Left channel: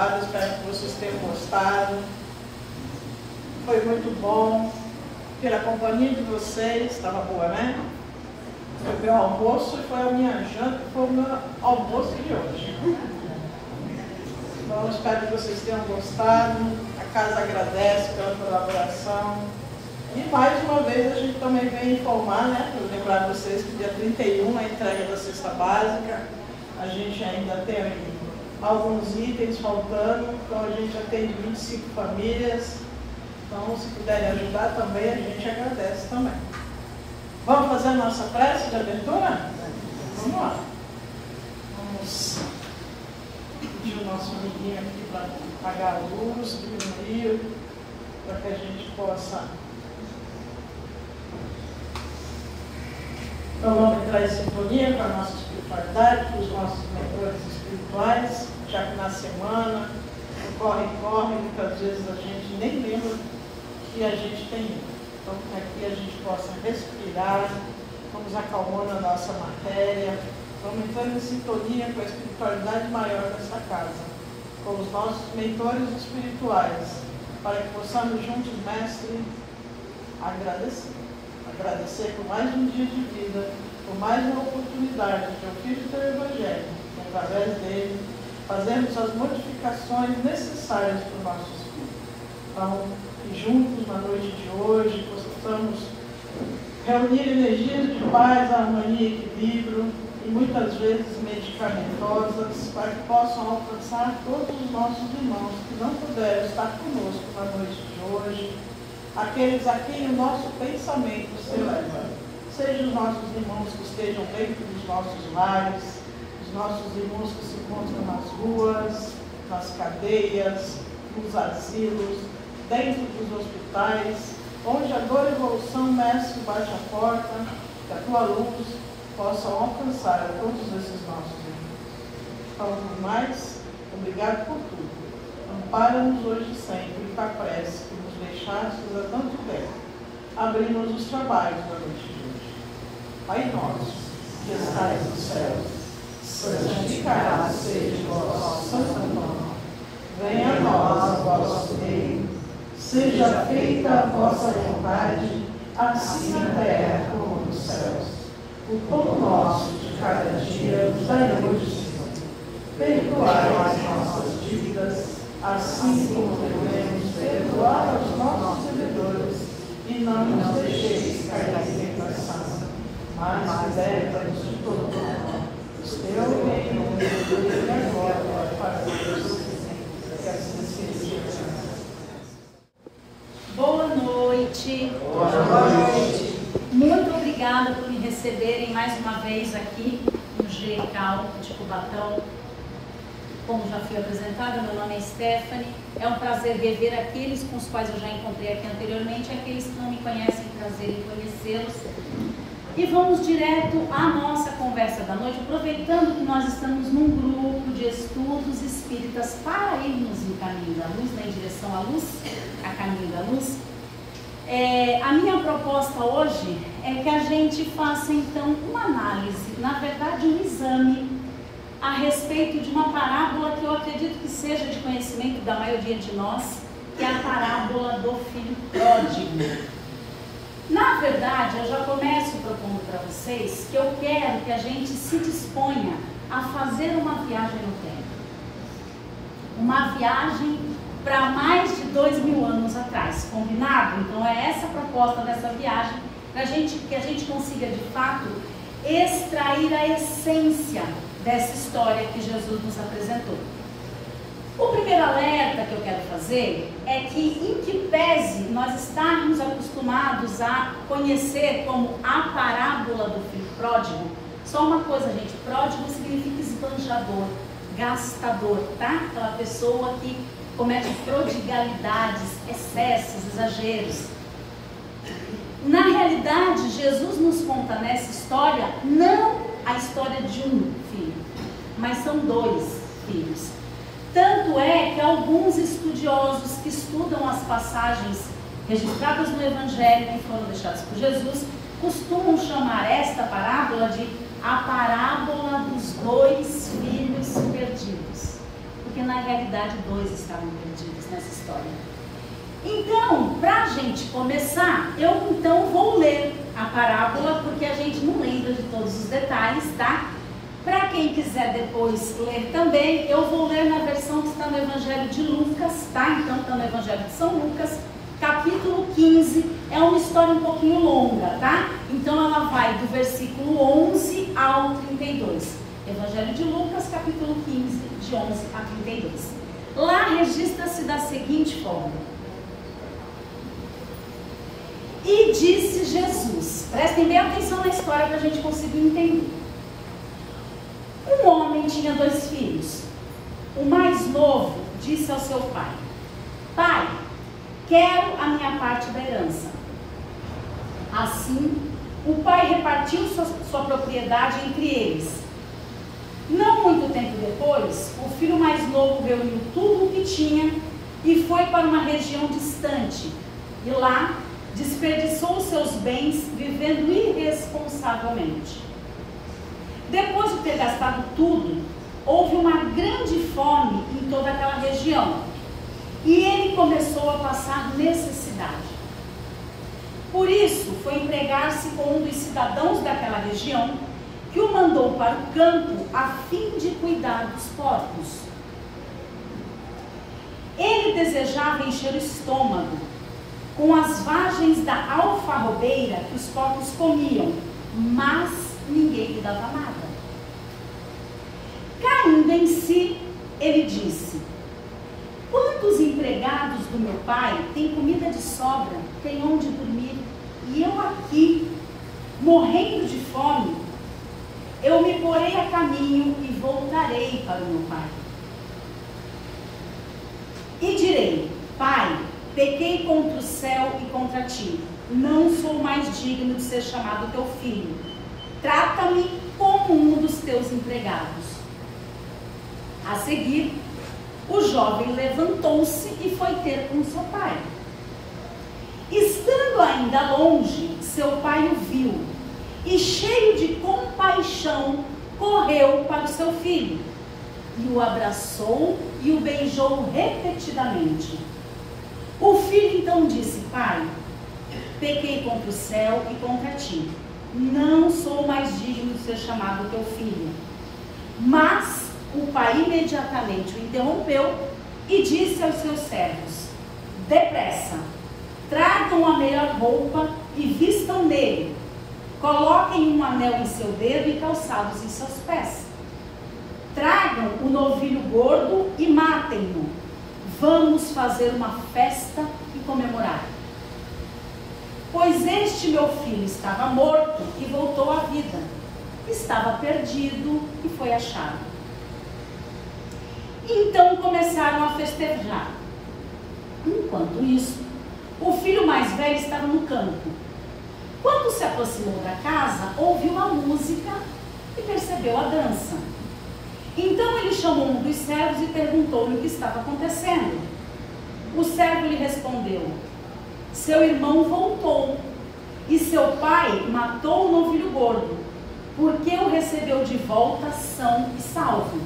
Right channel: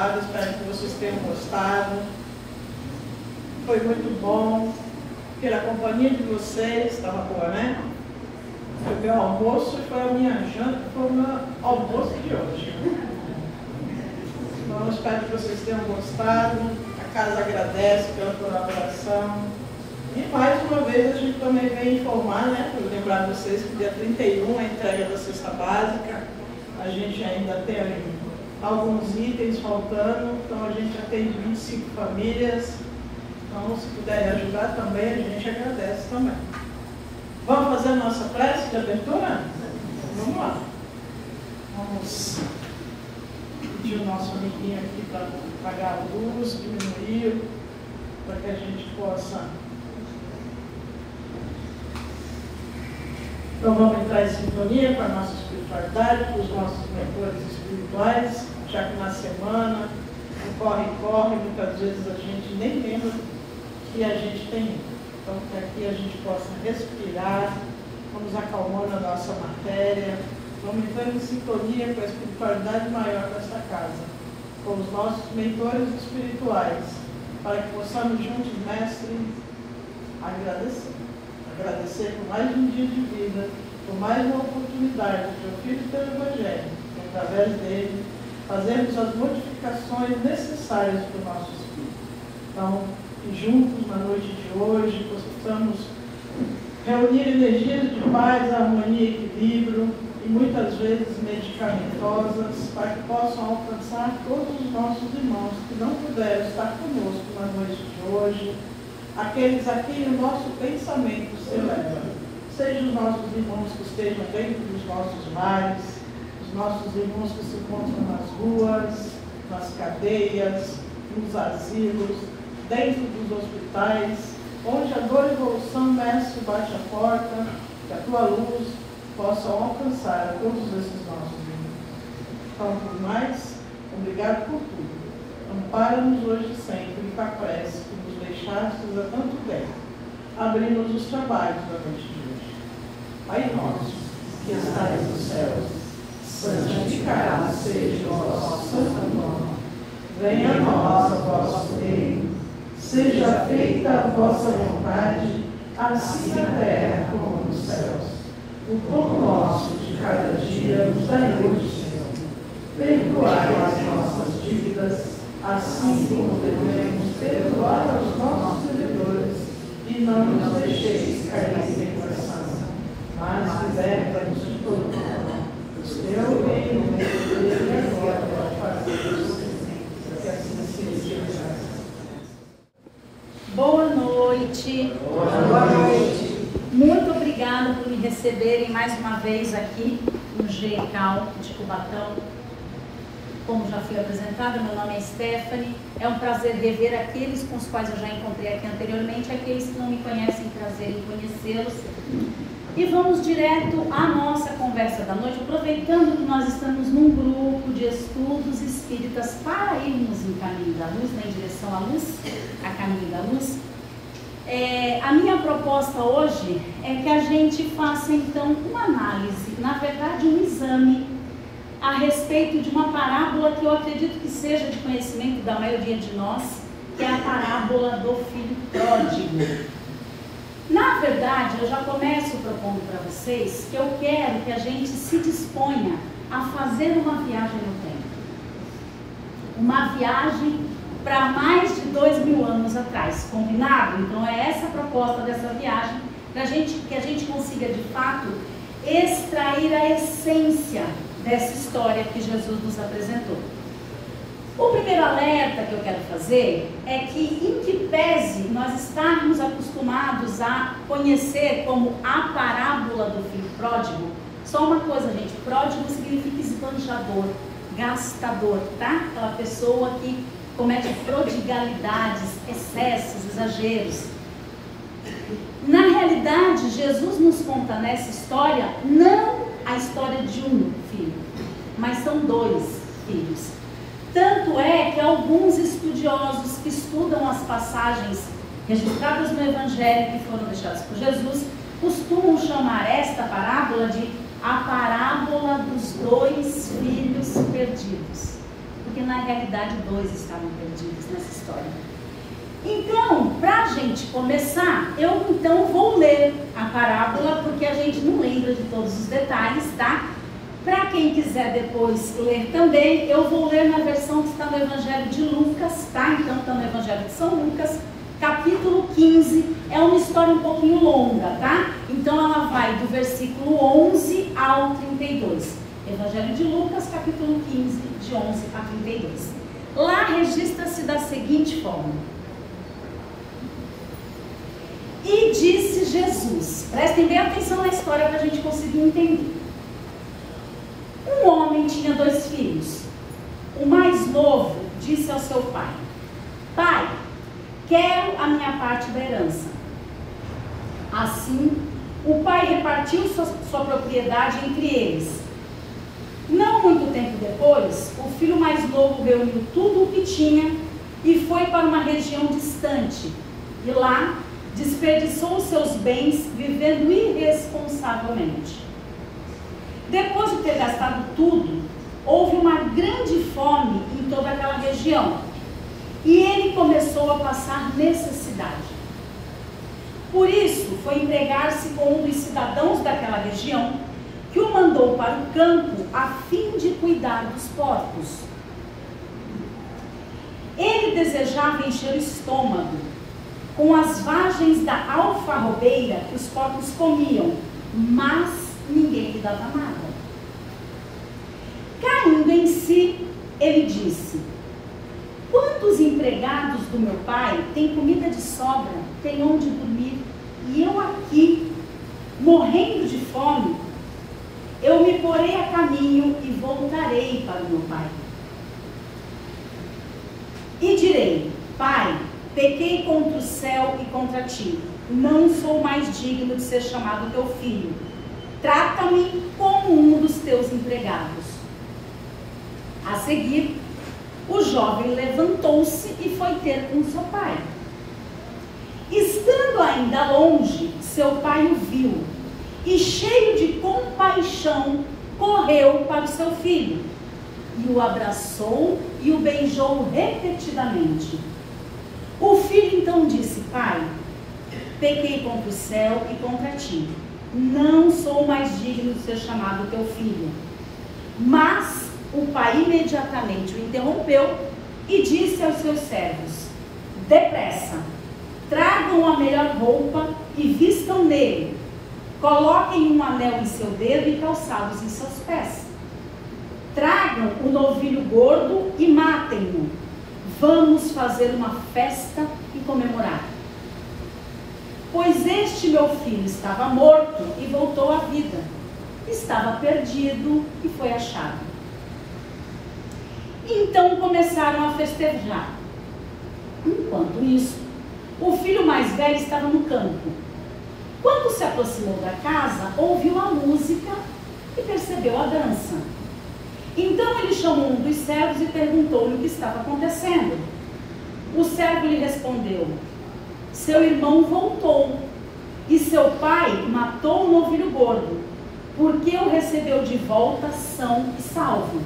gravado, espero que vocês tenham gostado. Foi muito bom, pela companhia de vocês, estava boa, né? Foi o meu almoço e foi a minha janta, foi o meu almoço de hoje. Então, espero que vocês tenham gostado. A casa agradece pela colaboração. E mais uma vez a gente também vem informar, né? Eu lembrar vocês que dia 31 é a entrega da cesta básica. A gente ainda tem alguns itens faltando, então a gente atende 25 famílias. Então, se puderem ajudar também, a gente agradece também. Vamos fazer a nossa prece de abertura? Vamos lá. Vamos pedir o nosso amiguinho aqui para apagar a luz, diminuir, para que a gente possa. Então vamos entrar em sintonia com a nossa espiritualidade, com os nossos mentores espirituais, já que na semana, no corre-corre, muitas vezes a gente nem lembra que a gente tem ido. Então, para que a gente possa respirar, vamos acalmando a nossa matéria, vamos entrando em sintonia com a espiritualidade maior dessa casa, com os nossos mentores espirituais, para que possamos juntos, Mestre, agradecer. Agradecer por mais um dia de vida, por mais uma oportunidade de ouvir o teu Evangelho, e através dele fazermos as modificações necessárias para o nosso espírito. Então, que juntos na noite de hoje possamos reunir energias de paz, harmonia e equilíbrio, e muitas vezes medicamentosas, para que possam alcançar todos os nossos irmãos que não puderam estar conosco na noite de hoje, aqueles a quem o nosso pensamento se eleva. Sejam os nossos irmãos que estejam dentro dos nossos lares, os nossos irmãos que se encontram nas ruas, nas cadeias, nos asilos, dentro dos hospitais, onde a dor e evolução, Mestre, bate a porta, que a tua luz possa alcançar a todos esses nossos irmãos. Então, por mais, obrigado por tudo. Ampara-nos hoje sempre com a prece que nos deixastes a tanto bem. Abrimos os trabalhos da noite de hoje. Pai nosso, que estais nos céus, santificado seja o vosso santo nome. Venha a nós o vosso reino. Seja feita a vossa vontade, assim na terra como nos céus. O pão nosso de cada dia nos dai hoje, Senhor. Perdoai as nossas dívidas, assim como devemos perdoar aos nossos devedores, e não nos deixeis cair em tentação, mas liberta-nos de todo mal. Pois teu reino, o poder e a glória para todos, que assim seja. Boa noite. Boa noite. Muito obrigada por me receberem mais uma vez aqui no GECAL de Cubatão. Como já fui apresentada, meu nome é Stephanie. É um prazer rever aqueles com os quais eu já encontrei aqui anteriormente, aqueles que não me conhecem, prazer em conhecê-los. E vamos direto à nossa conversa da noite, aproveitando que nós estamos num grupo de estudos espíritas para irmos em caminho da luz, né, em direção à luz, a caminho da luz. A minha proposta hoje é que a gente faça então uma análise, na verdade um exame, a respeito de uma parábola que eu acredito que seja de conhecimento da maioria de nós, que é a parábola do filho pródigo. Na verdade, eu já começo propondo para vocês que eu quero que a gente se disponha a fazer uma viagem no tempo. Uma viagem para mais de 2000 anos atrás, combinado? Então é essa a proposta dessa viagem, para que a gente consiga de fato extrair a essência dessa história que Jesus nos apresentou. O primeiro alerta que eu quero fazer é que, em que pese nós estarmos acostumados a conhecer como a parábola do filho pródigo, só uma coisa, gente, pródigo significa esbanjador, gastador, tá? Aquela pessoa que comete prodigalidades, excessos, exageros. Na realidade, Jesus nos conta nessa história não a história de um filho, mas são 2 filhos. Tanto é que alguns estudiosos que estudam as passagens registradas no Evangelho que foram deixadas por Jesus, costumam chamar esta parábola de a parábola dos 2 filhos perdidos. porque na realidade 2 estavam perdidos nessa história. Então, para a gente começar, eu então vou ler a parábola, porque a gente não lembra de todos os detalhes, tá? Para quem quiser depois ler também, eu vou ler na versão que está no Evangelho de Lucas, tá? Então está no Evangelho de São Lucas, capítulo 15, é uma história um pouquinho longa, tá? Então ela vai do versículo 11 ao 32. Evangelho de Lucas, capítulo 15, de 11 a 32. Lá registra-se da seguinte forma: e disse Jesus, prestem bem atenção na história para a gente conseguir entender. Um homem tinha 2 filhos. O mais novo disse ao seu pai: pai, quero a minha parte da herança. Assim, o pai repartiu sua propriedade entre eles. Não muito tempo depois, o filho mais novo reuniu tudo o que tinha e foi para uma região distante. E lá, desperdiçou os seus bens vivendo irresponsavelmente. Depois de ter gastado tudo, houve uma grande fome em toda aquela região. E ele começou a passar necessidade. Por isso, foi empregar-se com um dos cidadãos daquela região, que o mandou para o campo a fim de cuidar dos porcos. Ele desejava encher o estômago com as vagens da alfarrobeira que os porcos comiam, mas ninguém lhe dava nada. Caindo em si, ele disse: quantos empregados do meu pai têm comida de sobra, têm onde dormir, e eu aqui, morrendo de fome? Eu me porei a caminho e voltarei para o meu pai. E direi: pai, pequei contra o céu e contra ti. Não sou mais digno de ser chamado teu filho. Trata-me como um dos teus empregados. A seguir, o jovem levantou-se e foi ter com seu pai. Estando ainda longe, seu pai o viu e, cheio de compaixão, correu para o seu filho e o abraçou e o beijou repetidamente. O filho então disse: pai, pequei contra o céu e contra ti. Não sou mais digno de ser chamado teu filho. Mas o pai imediatamente o interrompeu e disse aos seus servos: depressa, tragam a melhor roupa e vistam nele. Coloquem um anel em seu dedo e calçados em seus pés. Tragam o novilho gordo e matem-no. Vamos fazer uma festa e comemorar. Pois este meu filho estava morto e voltou à vida. Estava perdido e foi achado. Então começaram a festejar. Enquanto isso, o filho mais velho estava no campo. Quando se aproximou da casa, ouviu a música e percebeu a dança. Então ele chamou um dos servos e perguntou-lhe o que estava acontecendo. O servo lhe respondeu: seu irmão voltou e seu pai matou o novilho gordo, porque o recebeu de volta são e salvo.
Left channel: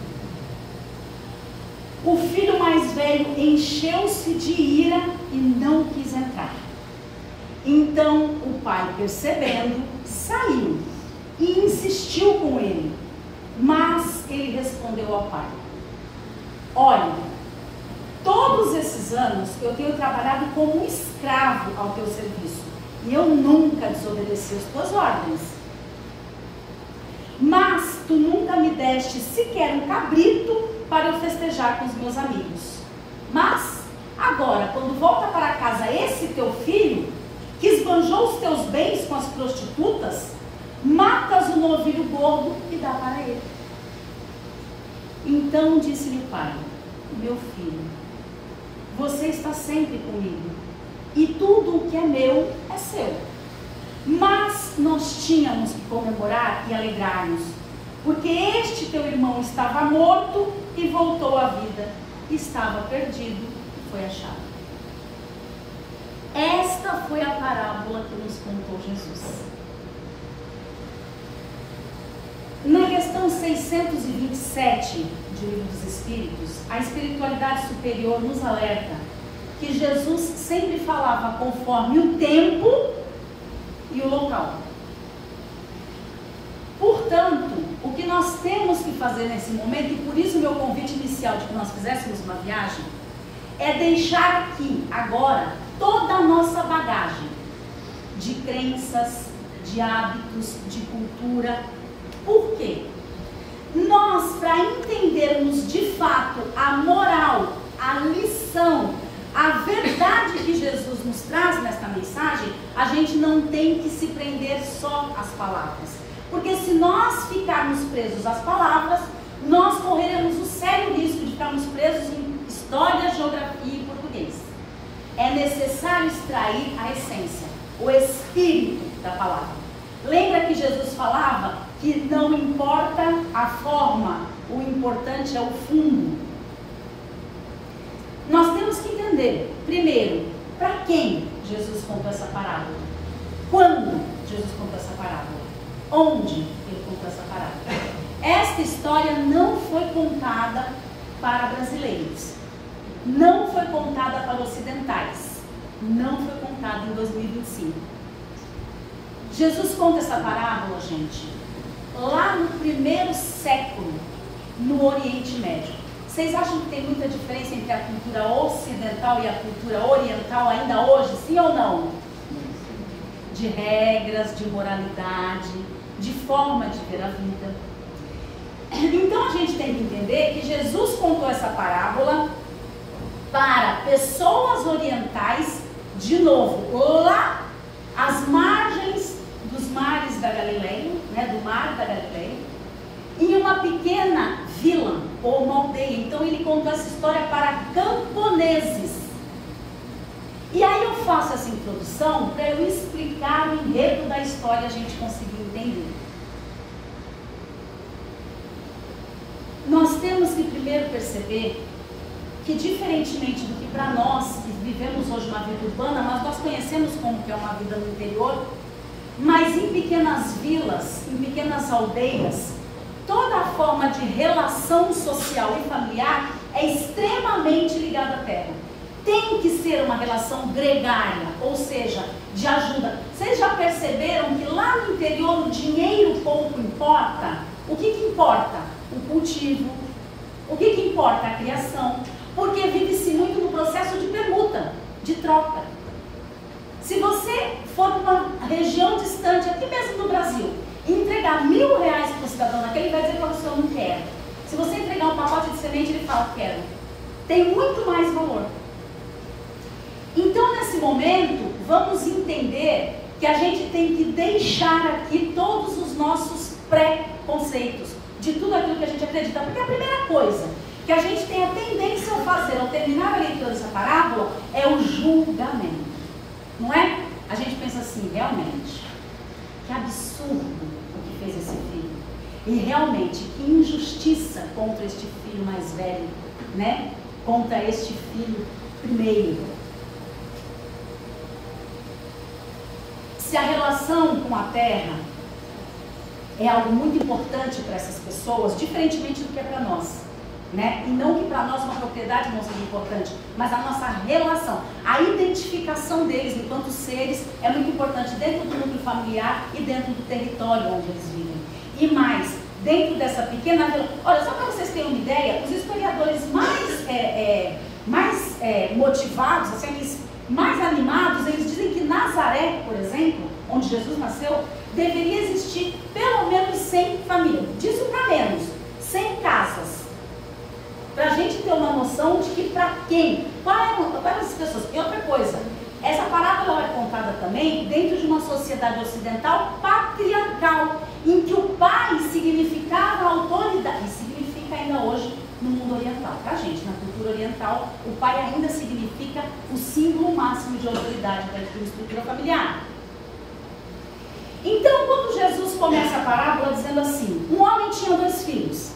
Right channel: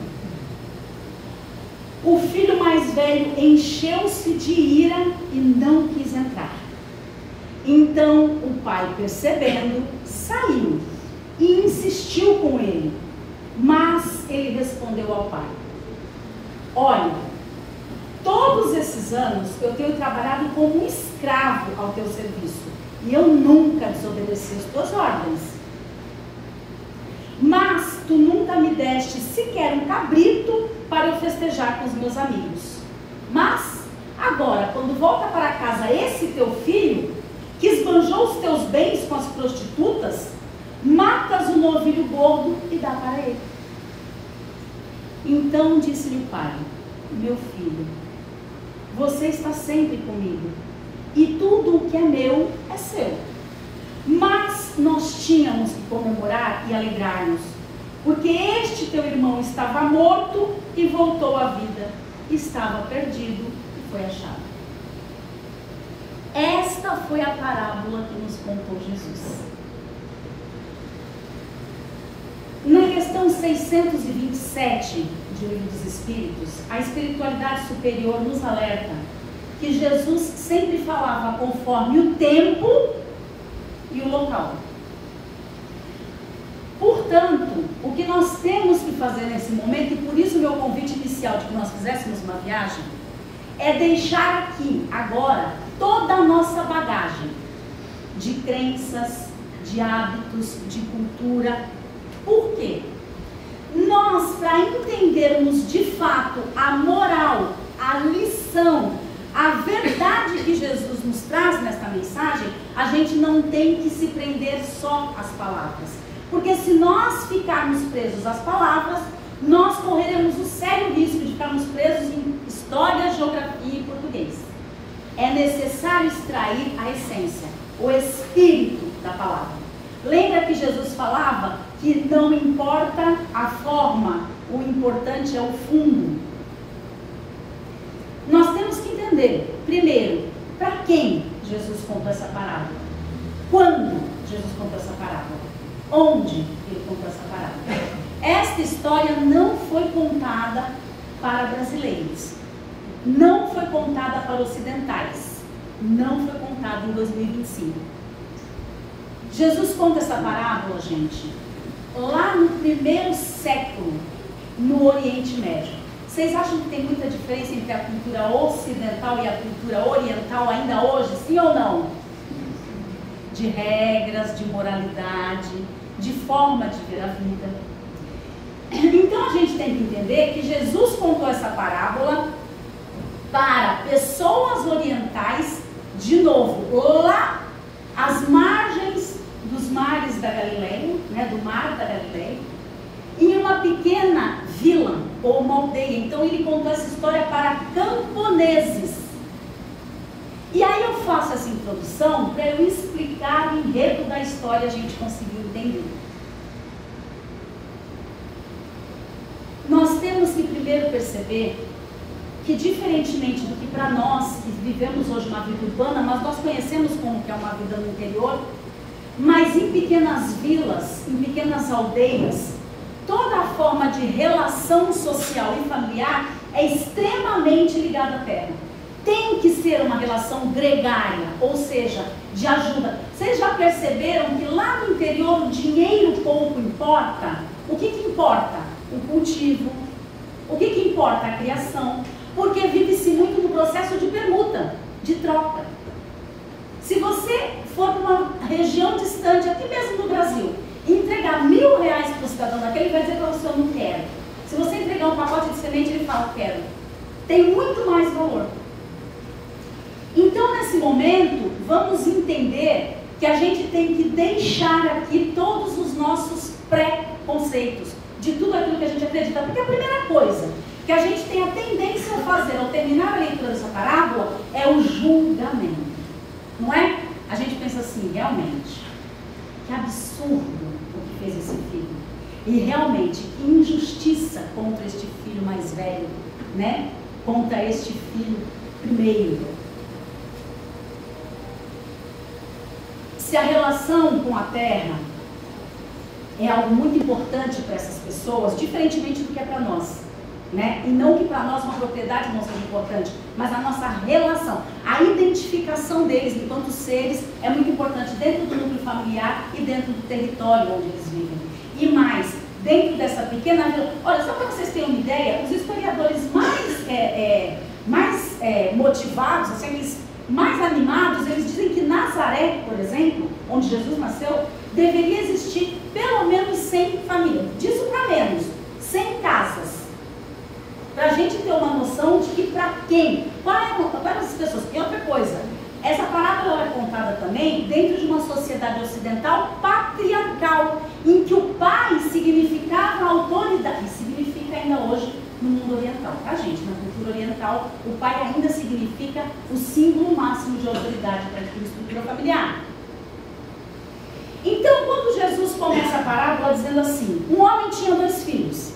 O filho mais velho encheu-se de ira e não quis entrar. Então o pai, percebendo, saiu e insistiu com ele. Mas ele respondeu ao pai: olha, todos esses anos eu tenho trabalhado como um escravo ao teu serviço e eu nunca desobedeci as tuas ordens. Mas tu nunca me deste sequer um cabrito para eu festejar com os meus amigos. Mas agora, quando volta para casa esse teu filho, que esbanjou os teus bens com as prostitutas, matas o novilho gordo e dá para ele. Então disse-lhe o pai: meu filho, você está sempre comigo, e tudo o que é meu é seu. Mas nós tínhamos que comemorar e alegrar-nos, porque este teu irmão estava morto e voltou à vida, estava perdido e foi achado. Esta foi a parábola que nos contou Jesus. Na questão 627 de Livro dos Espíritos, a espiritualidade superior nos alerta que Jesus sempre falava conforme o tempo e o local. Portanto, o que nós temos que fazer nesse momento, e por isso o meu convite inicial de que nós fizéssemos uma viagem, é deixar aqui, agora, toda a nossa bagagem de crenças, de hábitos, de cultura. Por quê? Nós, para entendermos de fato a moral, a lição, a verdade que Jesus nos traz nesta mensagem, a gente não tem que se prender só às palavras. Porque se nós ficarmos presos às palavras, nós correremos o sério risco de ficarmos presos em história, geografia e português. É necessário extrair a essência, o espírito da palavra. Lembra que Jesus falava que não importa a forma, o importante é o fundo. Nós temos que entender, primeiro, para quem Jesus contou essa parábola? Quando Jesus contou essa parábola? Onde ele contou essa parábola? Esta história não foi contada para brasileiros, não foi contada para ocidentais, não foi contada em 2025. Jesus conta essa parábola, gente, lá no 1º século, no Oriente Médio. Vocês acham que tem muita diferença entre a cultura ocidental e a cultura oriental ainda hoje, sim ou não? De regras, de moralidade, de forma de ver a vida. Então a gente tem que entender que Jesus contou essa parábola para pessoas orientais, de novo, lá às margens dos mares da Galileia, né, do mar da Galileia, em uma pequena vila ou uma aldeia. Então ele contou essa história para camponeses. E aí eu faço essa introdução para eu explicar o enredo da história e a gente conseguir entender. Nós temos que primeiro perceber que, diferentemente do que para nós que vivemos hoje uma vida urbana, mas nós conhecemos como que é uma vida no interior, mas em pequenas vilas, em pequenas aldeias, toda a forma de relação social e familiar é extremamente ligada à terra. Tem que ser uma relação gregária, ou seja, de ajuda. Vocês já perceberam que lá no interior o dinheiro pouco importa? O que importa? O cultivo. O que importa? A criação. Porque vive-se muito no processo de permuta, de troca. Se você for para uma região distante, aqui mesmo no Brasil, e entregar R$1.000 para o cidadão daquele, ele vai dizer para você: eu não quero. Se você entregar um pacote de semente, ele fala: eu quero. Tem muito mais valor. Então, nesse momento, vamos entender que a gente tem que deixar aqui todos os nossos pré-conceitos de tudo aquilo que a gente acredita. Porque a primeira coisa que a gente tem a tendência a fazer ao terminar a leitura dessa parábola é o julgamento. Não é? A gente pensa assim: realmente, que absurdo o que fez esse filho. E realmente, que injustiça contra este filho mais velho, né? Contra este filho primeiro. Se a relação com a terra é algo muito importante para essas pessoas, diferentemente do que é para nós, né? E não que para nós uma propriedade não seja importante, mas a nossa relação, a identificação deles enquanto seres é muito importante dentro do núcleo familiar e dentro do território onde eles vivem. E mais, dentro dessa pequena vila, olha, só para vocês terem uma ideia, os historiadores mais motivados, assim, aqueles mais animados, eles dizem que Nazaré, por exemplo, onde Jesus nasceu, deveria existir pelo menos 100 famílias, disso para menos, 100 casas, para a gente ter uma noção de que para quem, quais essas pessoas. E outra coisa, essa parábola é contada também dentro de uma sociedade ocidental patriarcal, em que o pai significava autoridade, e significa ainda hoje no mundo oriental, tá, gente? Na cultura oriental, o pai ainda significa o símbolo máximo de autoridade dentro da estrutura familiar. Então, quando Jesus começa a parábola dizendo assim: um homem tinha 2 filhos.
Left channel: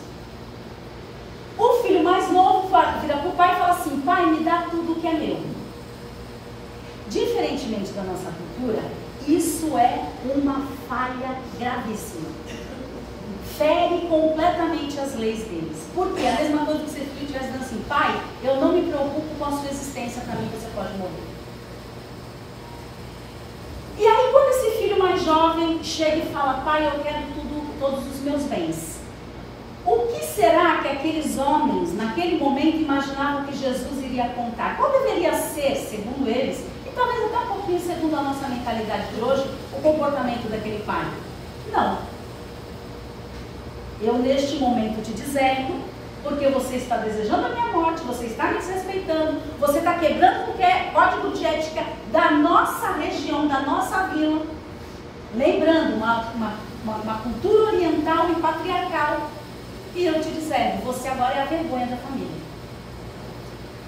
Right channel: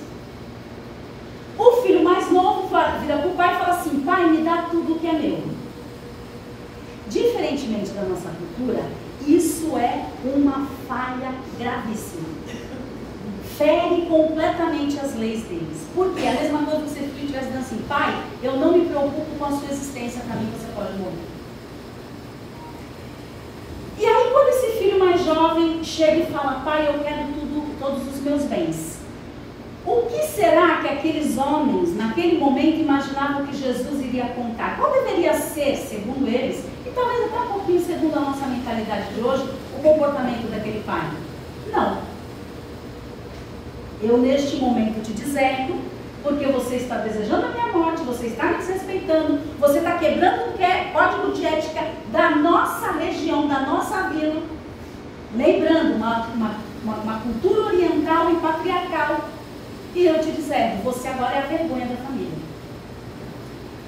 O filho mais novo vira para o pai e fala assim: pai, me dá tudo o que é meu. Diferentemente da nossa cultura, isso é uma falha gravíssima. fere completamente as leis deles. Por quê? A mesma coisa que se o filho estivesse dizendo assim: pai, eu não me preocupo com a sua existência, para mim você pode morrer. E aí quando esse filho mais jovem chega e fala: pai, eu quero todos os meus bens. O que será que aqueles homens, naquele momento, imaginavam que Jesus iria contar? Qual deveria ser, segundo eles, e talvez até um pouquinho segundo a nossa mentalidade de hoje, o comportamento daquele pai? Não. Eu neste momento te deserto, porque você está desejando a minha morte, você está me desrespeitando, você está quebrando o código de ética da nossa região, da nossa vila. Lembrando, uma cultura oriental e patriarcal. E eu te deserto, você agora é a vergonha da família.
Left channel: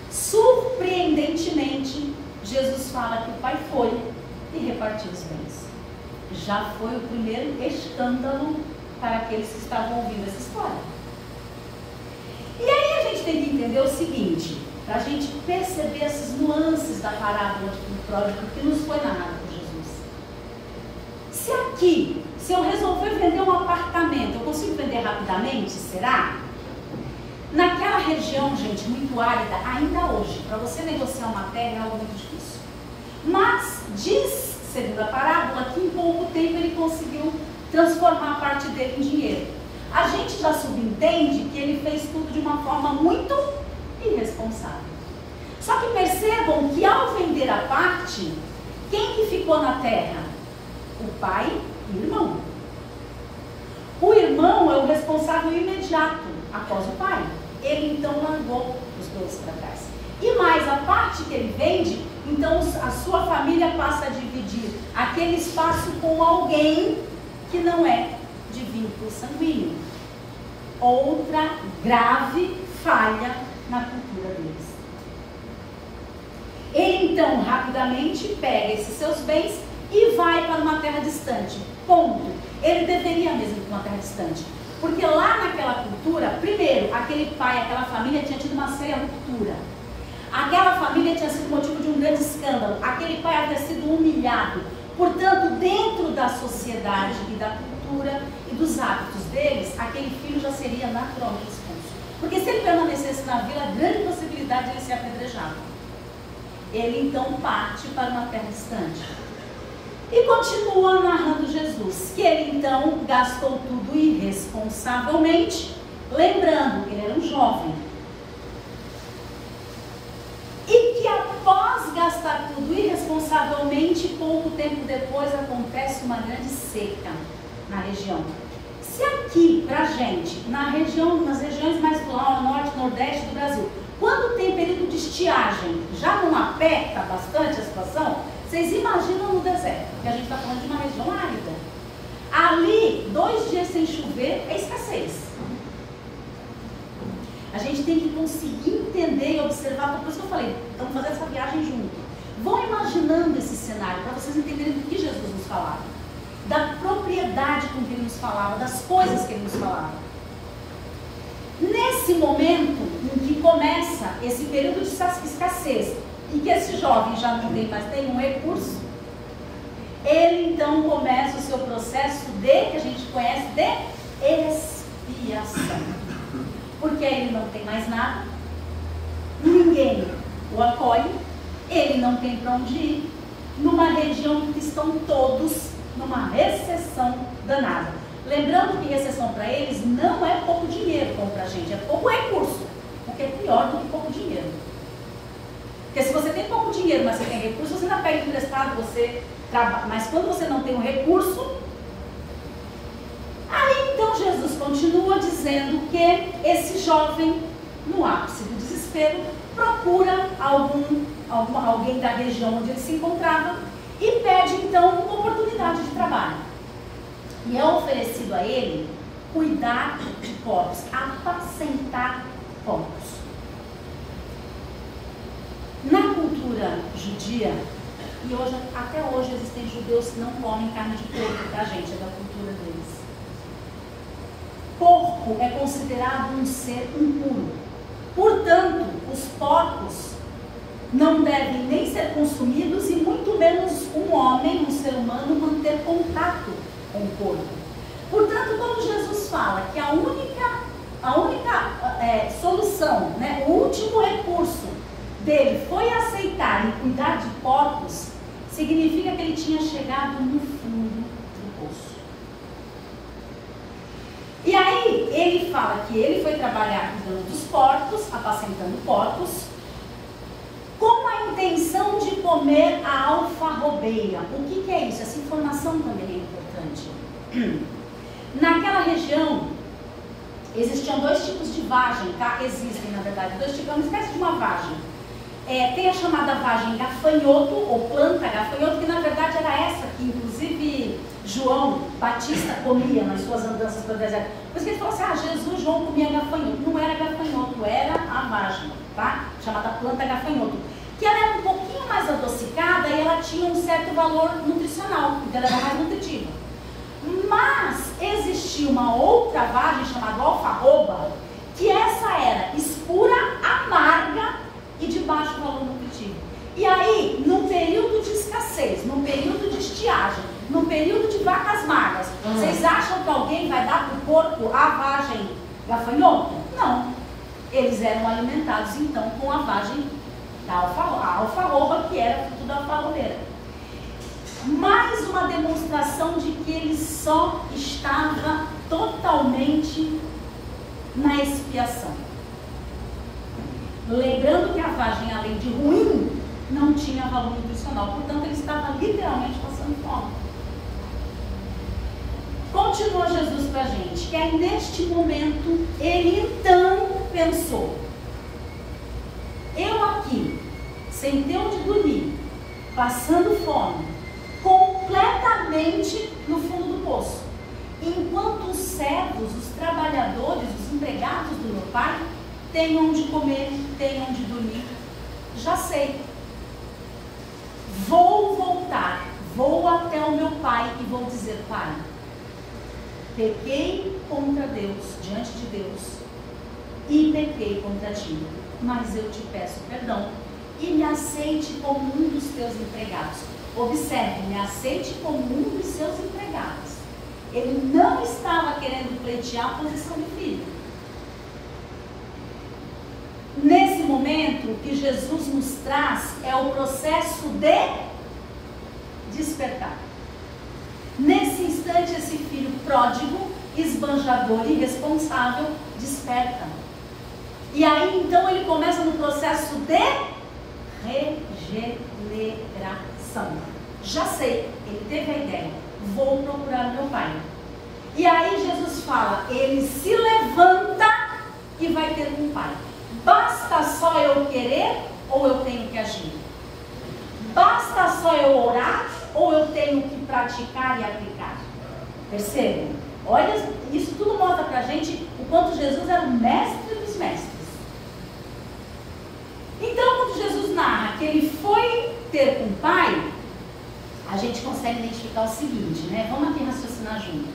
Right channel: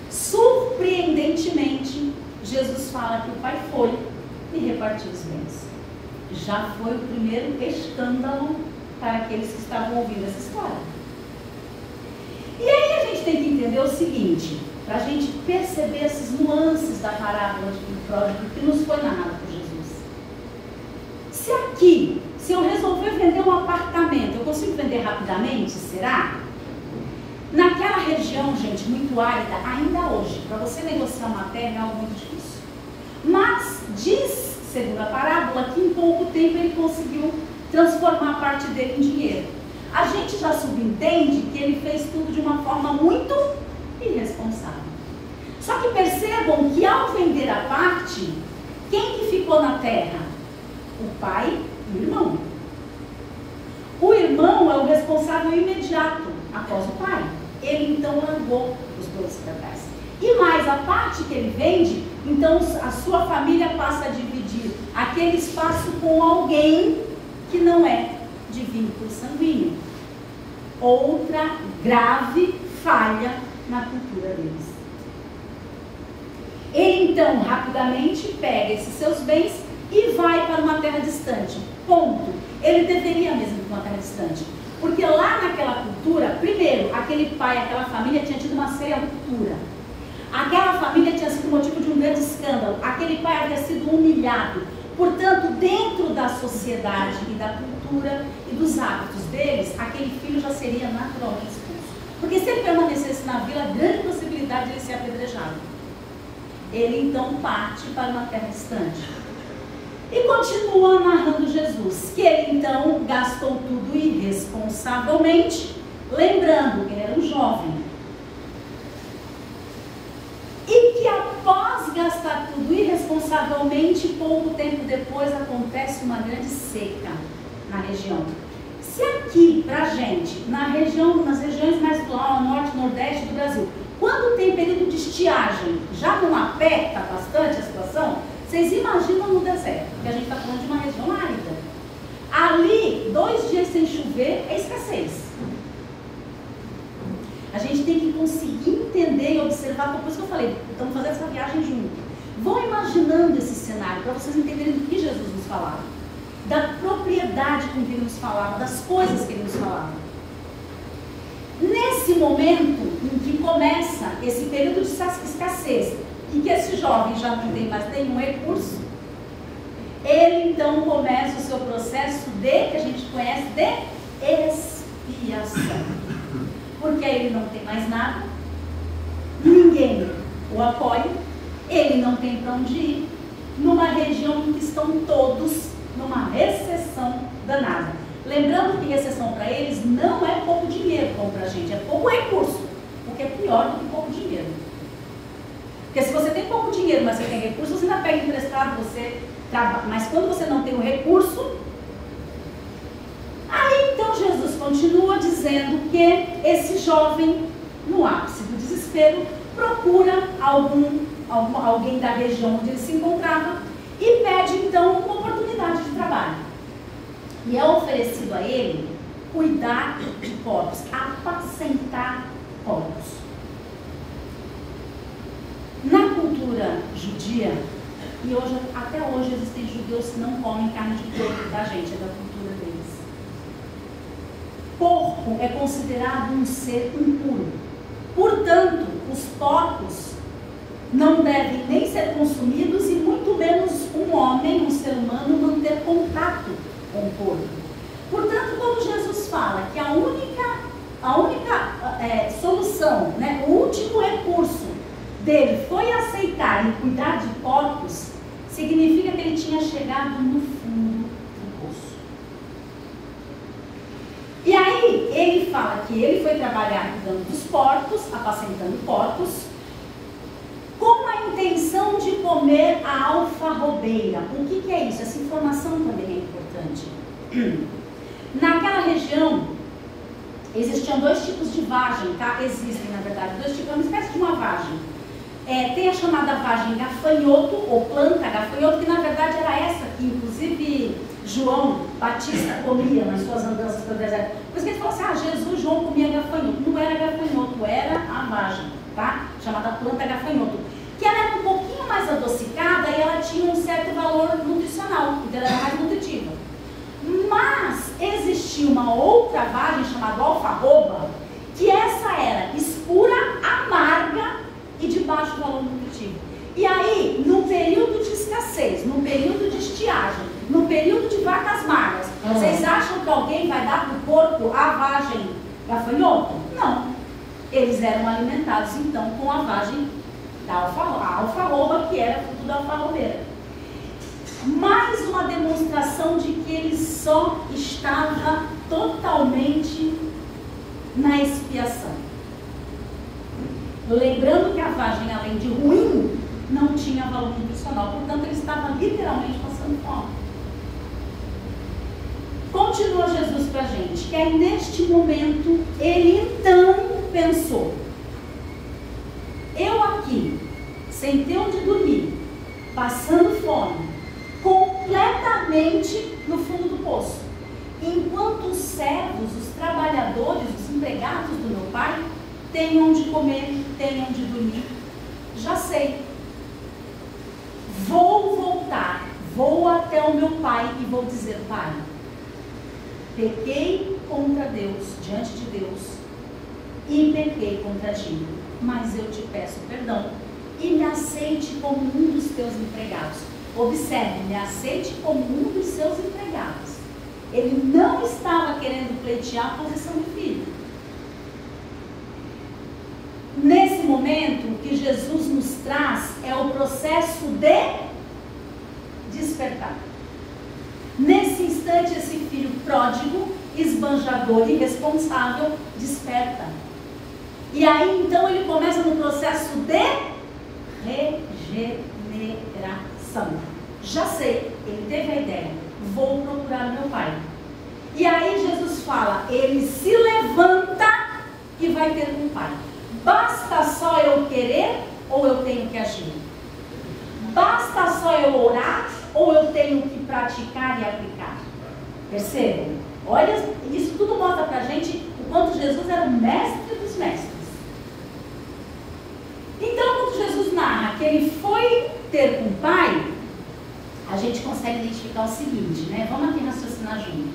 Surpreendentemente, Jesus fala que o pai foi e repartiu os bens. Já foi o primeiro escândalo para aqueles que estavam ouvindo essa história. E aí a gente tem que entender o seguinte, para a gente perceber esses nuances da parábola de filho pródigo que nos foi narrada por Jesus. Se eu resolver vender um apartamento, eu consigo vender rapidamente? Será? Naquela região, gente, muito árida, ainda hoje, para você negociar uma terra é algo muito difícil. Mas diz, segundo a parábola, que em pouco tempo ele conseguiu transformar a parte dele em dinheiro. A gente já subentende que ele fez tudo de uma forma muito irresponsável. Só que percebam que ao vender a parte, quem que ficou na terra? O pai e o irmão. O irmão é o responsável imediato após o pai. Ele então largou os dois para trás. E mais a parte que ele vende, então a sua família passa a dividir aquele espaço com alguém que não é de vínculo sanguíneo. Outra grave falha na cultura deles. Ele então rapidamente pega esses seus bens e vai para uma terra distante. Ponto. Ele deveria mesmo ir para uma terra distante. Porque lá naquela cultura, primeiro, aquele pai, aquela família tinha tido uma séria ruptura. Aquela família tinha sido motivo de um grande escândalo. Aquele pai havia sido humilhado. Portanto, dentro da sociedade e da cultura e dos hábitos deles, aquele filho já seria naturalmente expulso. Porque se ele permanecesse na vila, grande possibilidade de ele ser apedrejado. Ele então parte para uma terra distante. E continua narrando Jesus, que ele então gastou tudo irresponsavelmente, lembrando que ele era um jovem. E que após gastar tudo irresponsavelmente, pouco tempo depois acontece uma grande seca na região. Se aqui, pra gente, nas regiões mais do norte, nordeste do Brasil, quando tem período de estiagem, já não aperta bastante a situação, vocês imaginam no deserto, porque a gente está falando de uma região árida. Ali, 2 dias sem chover é escassez. A gente tem que conseguir entender e observar, por isso que eu falei, estamos fazendo essa viagem junto. Vão imaginando esse cenário, para vocês entenderem do que Jesus nos falava. Da propriedade com que ele nos falava, das coisas que ele nos falava. Nesse momento em que começa esse período de escassez, e que esse jovem já não tem mais nenhum recurso, ele então começa o seu processo que a gente conhece de expiação. Porque aí ele não tem mais nada, ninguém o apoia, ele não tem para onde ir, numa região em que estão todos numa recessão danada. Lembrando que recessão para eles não é pouco dinheiro, como para a gente, é pouco recurso, o que é pior do que pouco dinheiro. Porque se você tem pouco dinheiro, mas você tem recurso, você ainda pega emprestado, você trabalha. Mas quando você não tem o recurso, aí então Jesus continua dizendo que esse jovem, no ápice do desespero, procura alguém da região onde ele se encontrava e pede então uma oportunidade de trabalho. E é oferecido a ele cuidar de porcos, apacentar porcos. Na cultura judia, e hoje, até hoje existem judeus que não comem carne de porco, tá, gente? É da cultura deles. Porco é considerado um ser impuro. Portanto, os porcos não devem nem ser consumidos e muito menos um homem, um ser humano, manter contato com o porco. Portanto, todo quando Jesus fala que a única solução, né, o último recurso dele foi aceitar e cuidar de porcos, significa que ele tinha chegado no fundo do poço. E aí ele fala que ele foi trabalhar cuidando dos porcos, apacentando porcos, com a intenção de comer a alfarrobeira. O que é isso? Essa informação também é importante. Naquela região existiam dois tipos de vagem, tá? Existem, na verdade, dois tipos, é uma espécie de uma vagem. Tem a chamada vagem gafanhoto, ou planta gafanhoto, que na verdade era essa que, inclusive, João Batista comia nas suas andanças pelo deserto. Por isso que ele falou assim, Jesus, João comia gafanhoto. Não era gafanhoto, era a vagem, tá? Chamada planta gafanhoto. Que ela era um pouquinho mais adocicada e ela tinha um certo valor nutricional, então ela era mais nutritiva. Mas existia uma outra vagem chamada alfarroba, que essa era escura, amarga e de baixo valor nutritivo. E aí, num período de escassez, num período de estiagem, num período de vacas magras, vocês acham que alguém vai dar para o porco a vagem gafanhoto? Não. Eles eram alimentados então com a vagem da alfarroba, que era fruto da alfarrobeira. Mais uma demonstração de que ele só estava totalmente na expiação. Lembrando que a vagem, além de ruim, não tinha valor nutricional. Portanto, ele estava literalmente passando fome. Continua Jesus para a gente, que aí neste momento, ele então pensou: eu aqui, sem ter onde dormir, passando fome, completamente no fundo do poço, enquanto os servos, os trabalhadores, os empregados do meu pai têm onde comer, têm onde dormir. Já sei, vou voltar, vou até o meu pai e vou dizer: pai, pequei contra Deus, diante de Deus, e pequei contra ti, mas eu te peço perdão e me aceite como um dos teus empregados. Observe, me aceite como um dos seus empregados. Ele não estava querendo pleitear a posição de filho. Nesse momento, o que Jesus nos traz é o processo de despertar. Nesse instante, esse filho pródigo, esbanjador e irresponsável, desperta. E aí, então, ele começa no processo de regeneração. Já sei, ele teve a ideia, vou procurar o meu pai. E aí Jesus fala, ele se levanta e vai ter um pai. Basta só eu querer ou eu tenho que agir? Basta só eu orar ou eu tenho que praticar e aplicar? Percebam? Olha, isso tudo mostra pra gente o quanto Jesus era o mestre dos mestres. Então, quando Jesus narra que ele foi ter com o pai, a gente consegue identificar o seguinte, né? Vamos aqui raciocinar junto.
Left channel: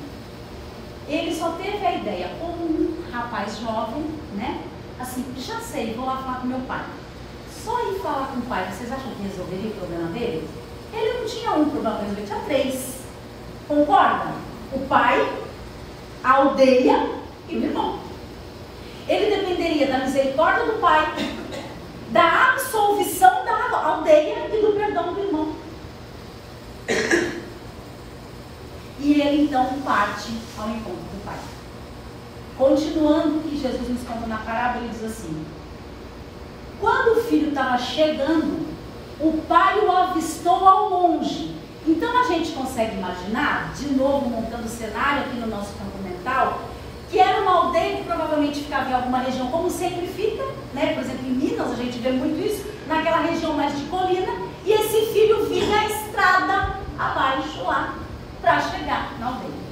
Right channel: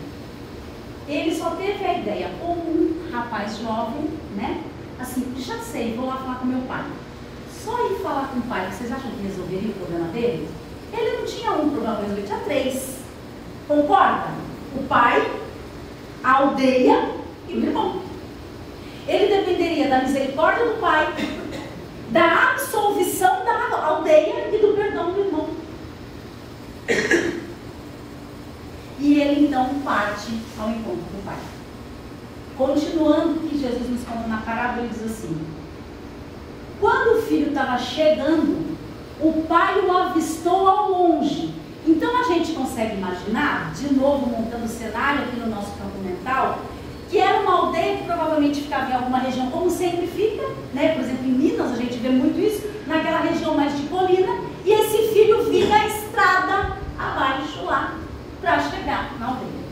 Ele só teve a ideia, como um rapaz jovem, né? Assim, já sei, vou lá falar com meu pai. Só ir falar com o pai, vocês acham que resolveria o problema dele? Ele não tinha um problema para resolver, tinha 3. Concorda? O pai, a aldeia e o irmão. Ele dependeria da misericórdia do pai, da absolvição da aldeia e do perdão do irmão. E ele então parte ao encontro do pai. Continuando o que Jesus nos conta na parábola, ele diz assim: quando o filho estava chegando, o pai o avistou ao longe. Então a gente consegue imaginar, de novo montando o cenário aqui no nosso campo mental, que era uma aldeia que provavelmente ficava em alguma região, como sempre fica, né? Por exemplo, em Minas a gente vê muito isso, naquela região mais de colina, e esse filho vinha a estrada abaixo lá, para chegar na aldeia.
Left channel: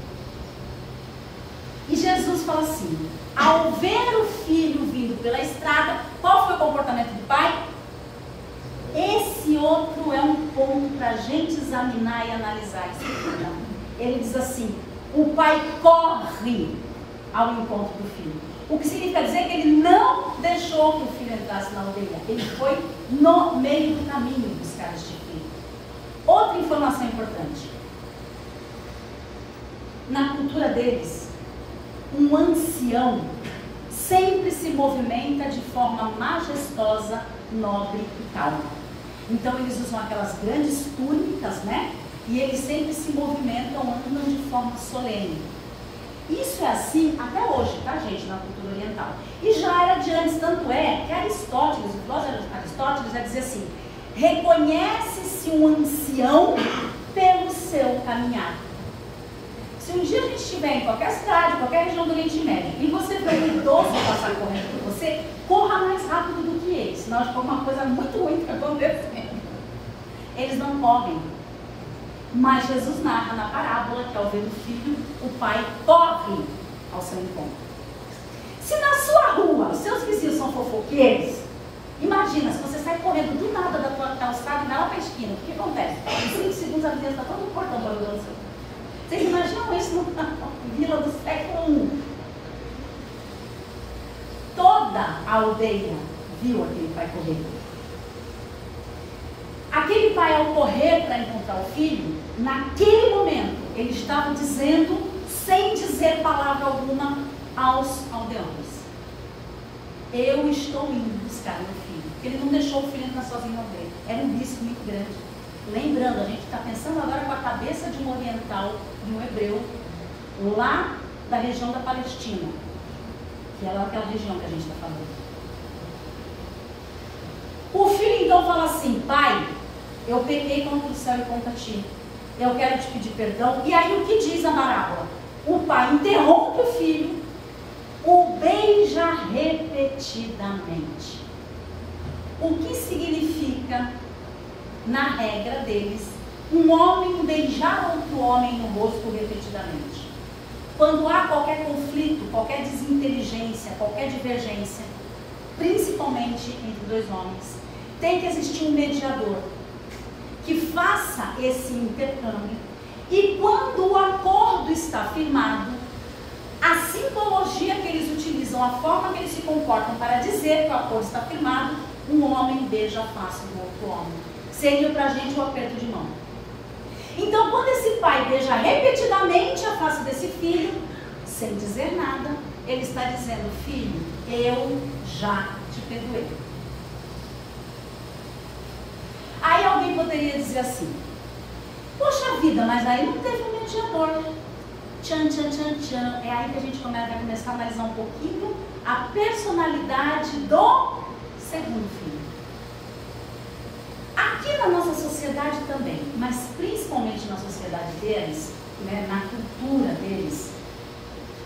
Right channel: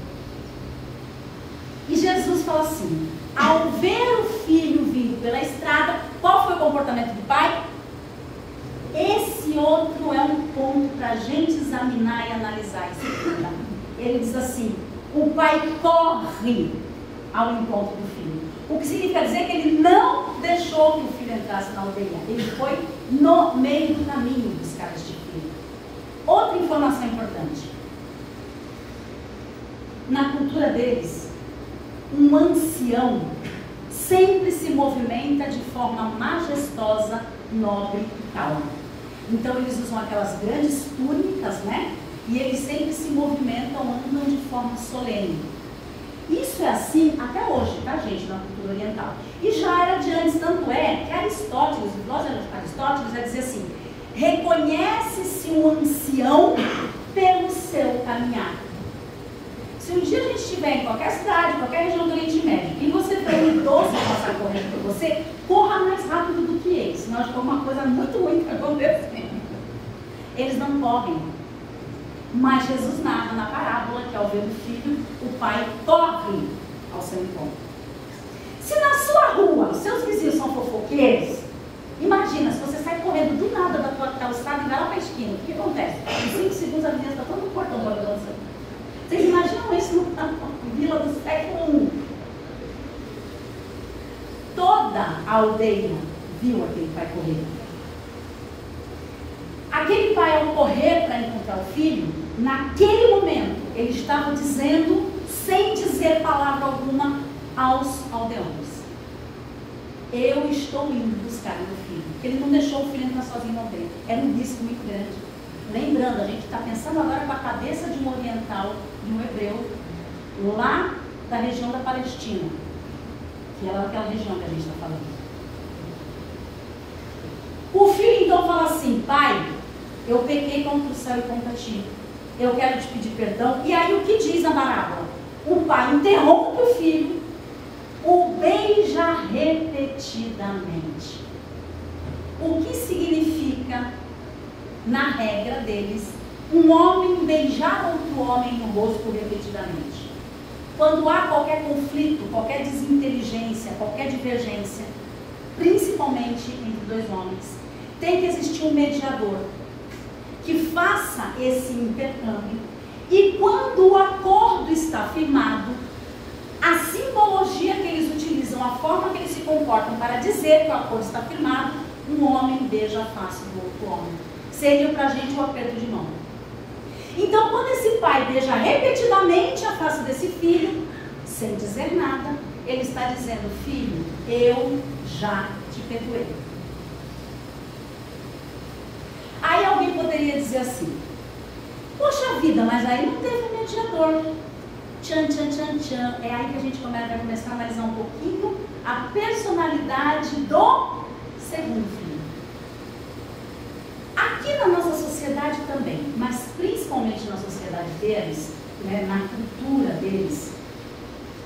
E Jesus fala assim, ao ver o filho vindo pela estrada, qual foi o comportamento do pai? Esse outro é um ponto para a gente examinar e analisar em seguida. Ele diz assim, o pai corre ao encontro do filho. O que significa dizer que ele não deixou que o filho entrasse na aldeia. Ele foi no meio do caminho buscar este filho. Outra informação importante. Na cultura deles, Um ancião sempre se movimenta de forma majestosa, nobre e calma. Então eles usam aquelas grandes túnicas, né? E eles sempre se movimentam, andam de forma solene. Isso é assim até hoje, tá, gente, na cultura oriental. E já era de antes, tanto é que Aristóteles, o filósofo Aristóteles vai dizer assim: reconhece-se um ancião pelo seu caminhar. Se um dia a gente estiver em qualquer cidade, qualquer região do Oriente Médio, e você vê um idoso passar correndo por você, corra mais rápido do que ele, senão acho que alguma coisa muito ruim está acontecendo. Eles não correm. Mas Jesus narra na parábola que ao ver o filho, o pai corre ao seu encontro. Se na sua rua os seus vizinhos são fofoqueiros, imagina, se você sai correndo do nada da tua calçada e vai lá para a esquina, o que acontece? Em 5 segundos a vizinha está todo no portão para o seu. Vocês imaginam isso na vila do século I? Toda a aldeia viu aquele pai correr. Aquele pai, ao correr para encontrar o filho, naquele momento, ele estava dizendo, sem dizer palavra alguma, aos aldeões: eu estou indo buscar meu filho. Porque ele não deixou o filho ficar sozinho na aldeia. Era um risco muito grande. Lembrando, a gente está pensando agora com a cabeça de um oriental, de um hebreu, lá da região da Palestina, que era aquela região que a gente está falando. O filho então fala assim: pai, eu pequei contra o céu e contra ti, eu quero te pedir perdão. E aí o que diz a parábola? O pai interrompe o filho, o beija repetidamente. O que significa, na regra deles, um homem beijar outro homem no rosto repetidamente? Quando há qualquer conflito, qualquer desinteligência, qualquer divergência, principalmente entre dois homens, tem que existir um mediador que faça esse intercâmbio. E quando o acordo está firmado, a simbologia que eles utilizam, a forma que eles se comportam para dizer que o acordo está firmado, um homem beija a face do outro homem. Seria para a gente o aperto de mão. Então, quando esse pai beija repetidamente a face desse filho, sem dizer nada, ele está dizendo: filho, eu já te perdoei. Aí alguém poderia dizer assim: poxa vida, mas aí não teve um mediador. Tchan, tchan, tchan, tchan. É aí que a gente vai começar a analisar um pouquinho a personalidade do segundo filho. Aqui na nossa sociedade também, mas principalmente na sociedade deles, né, na cultura deles,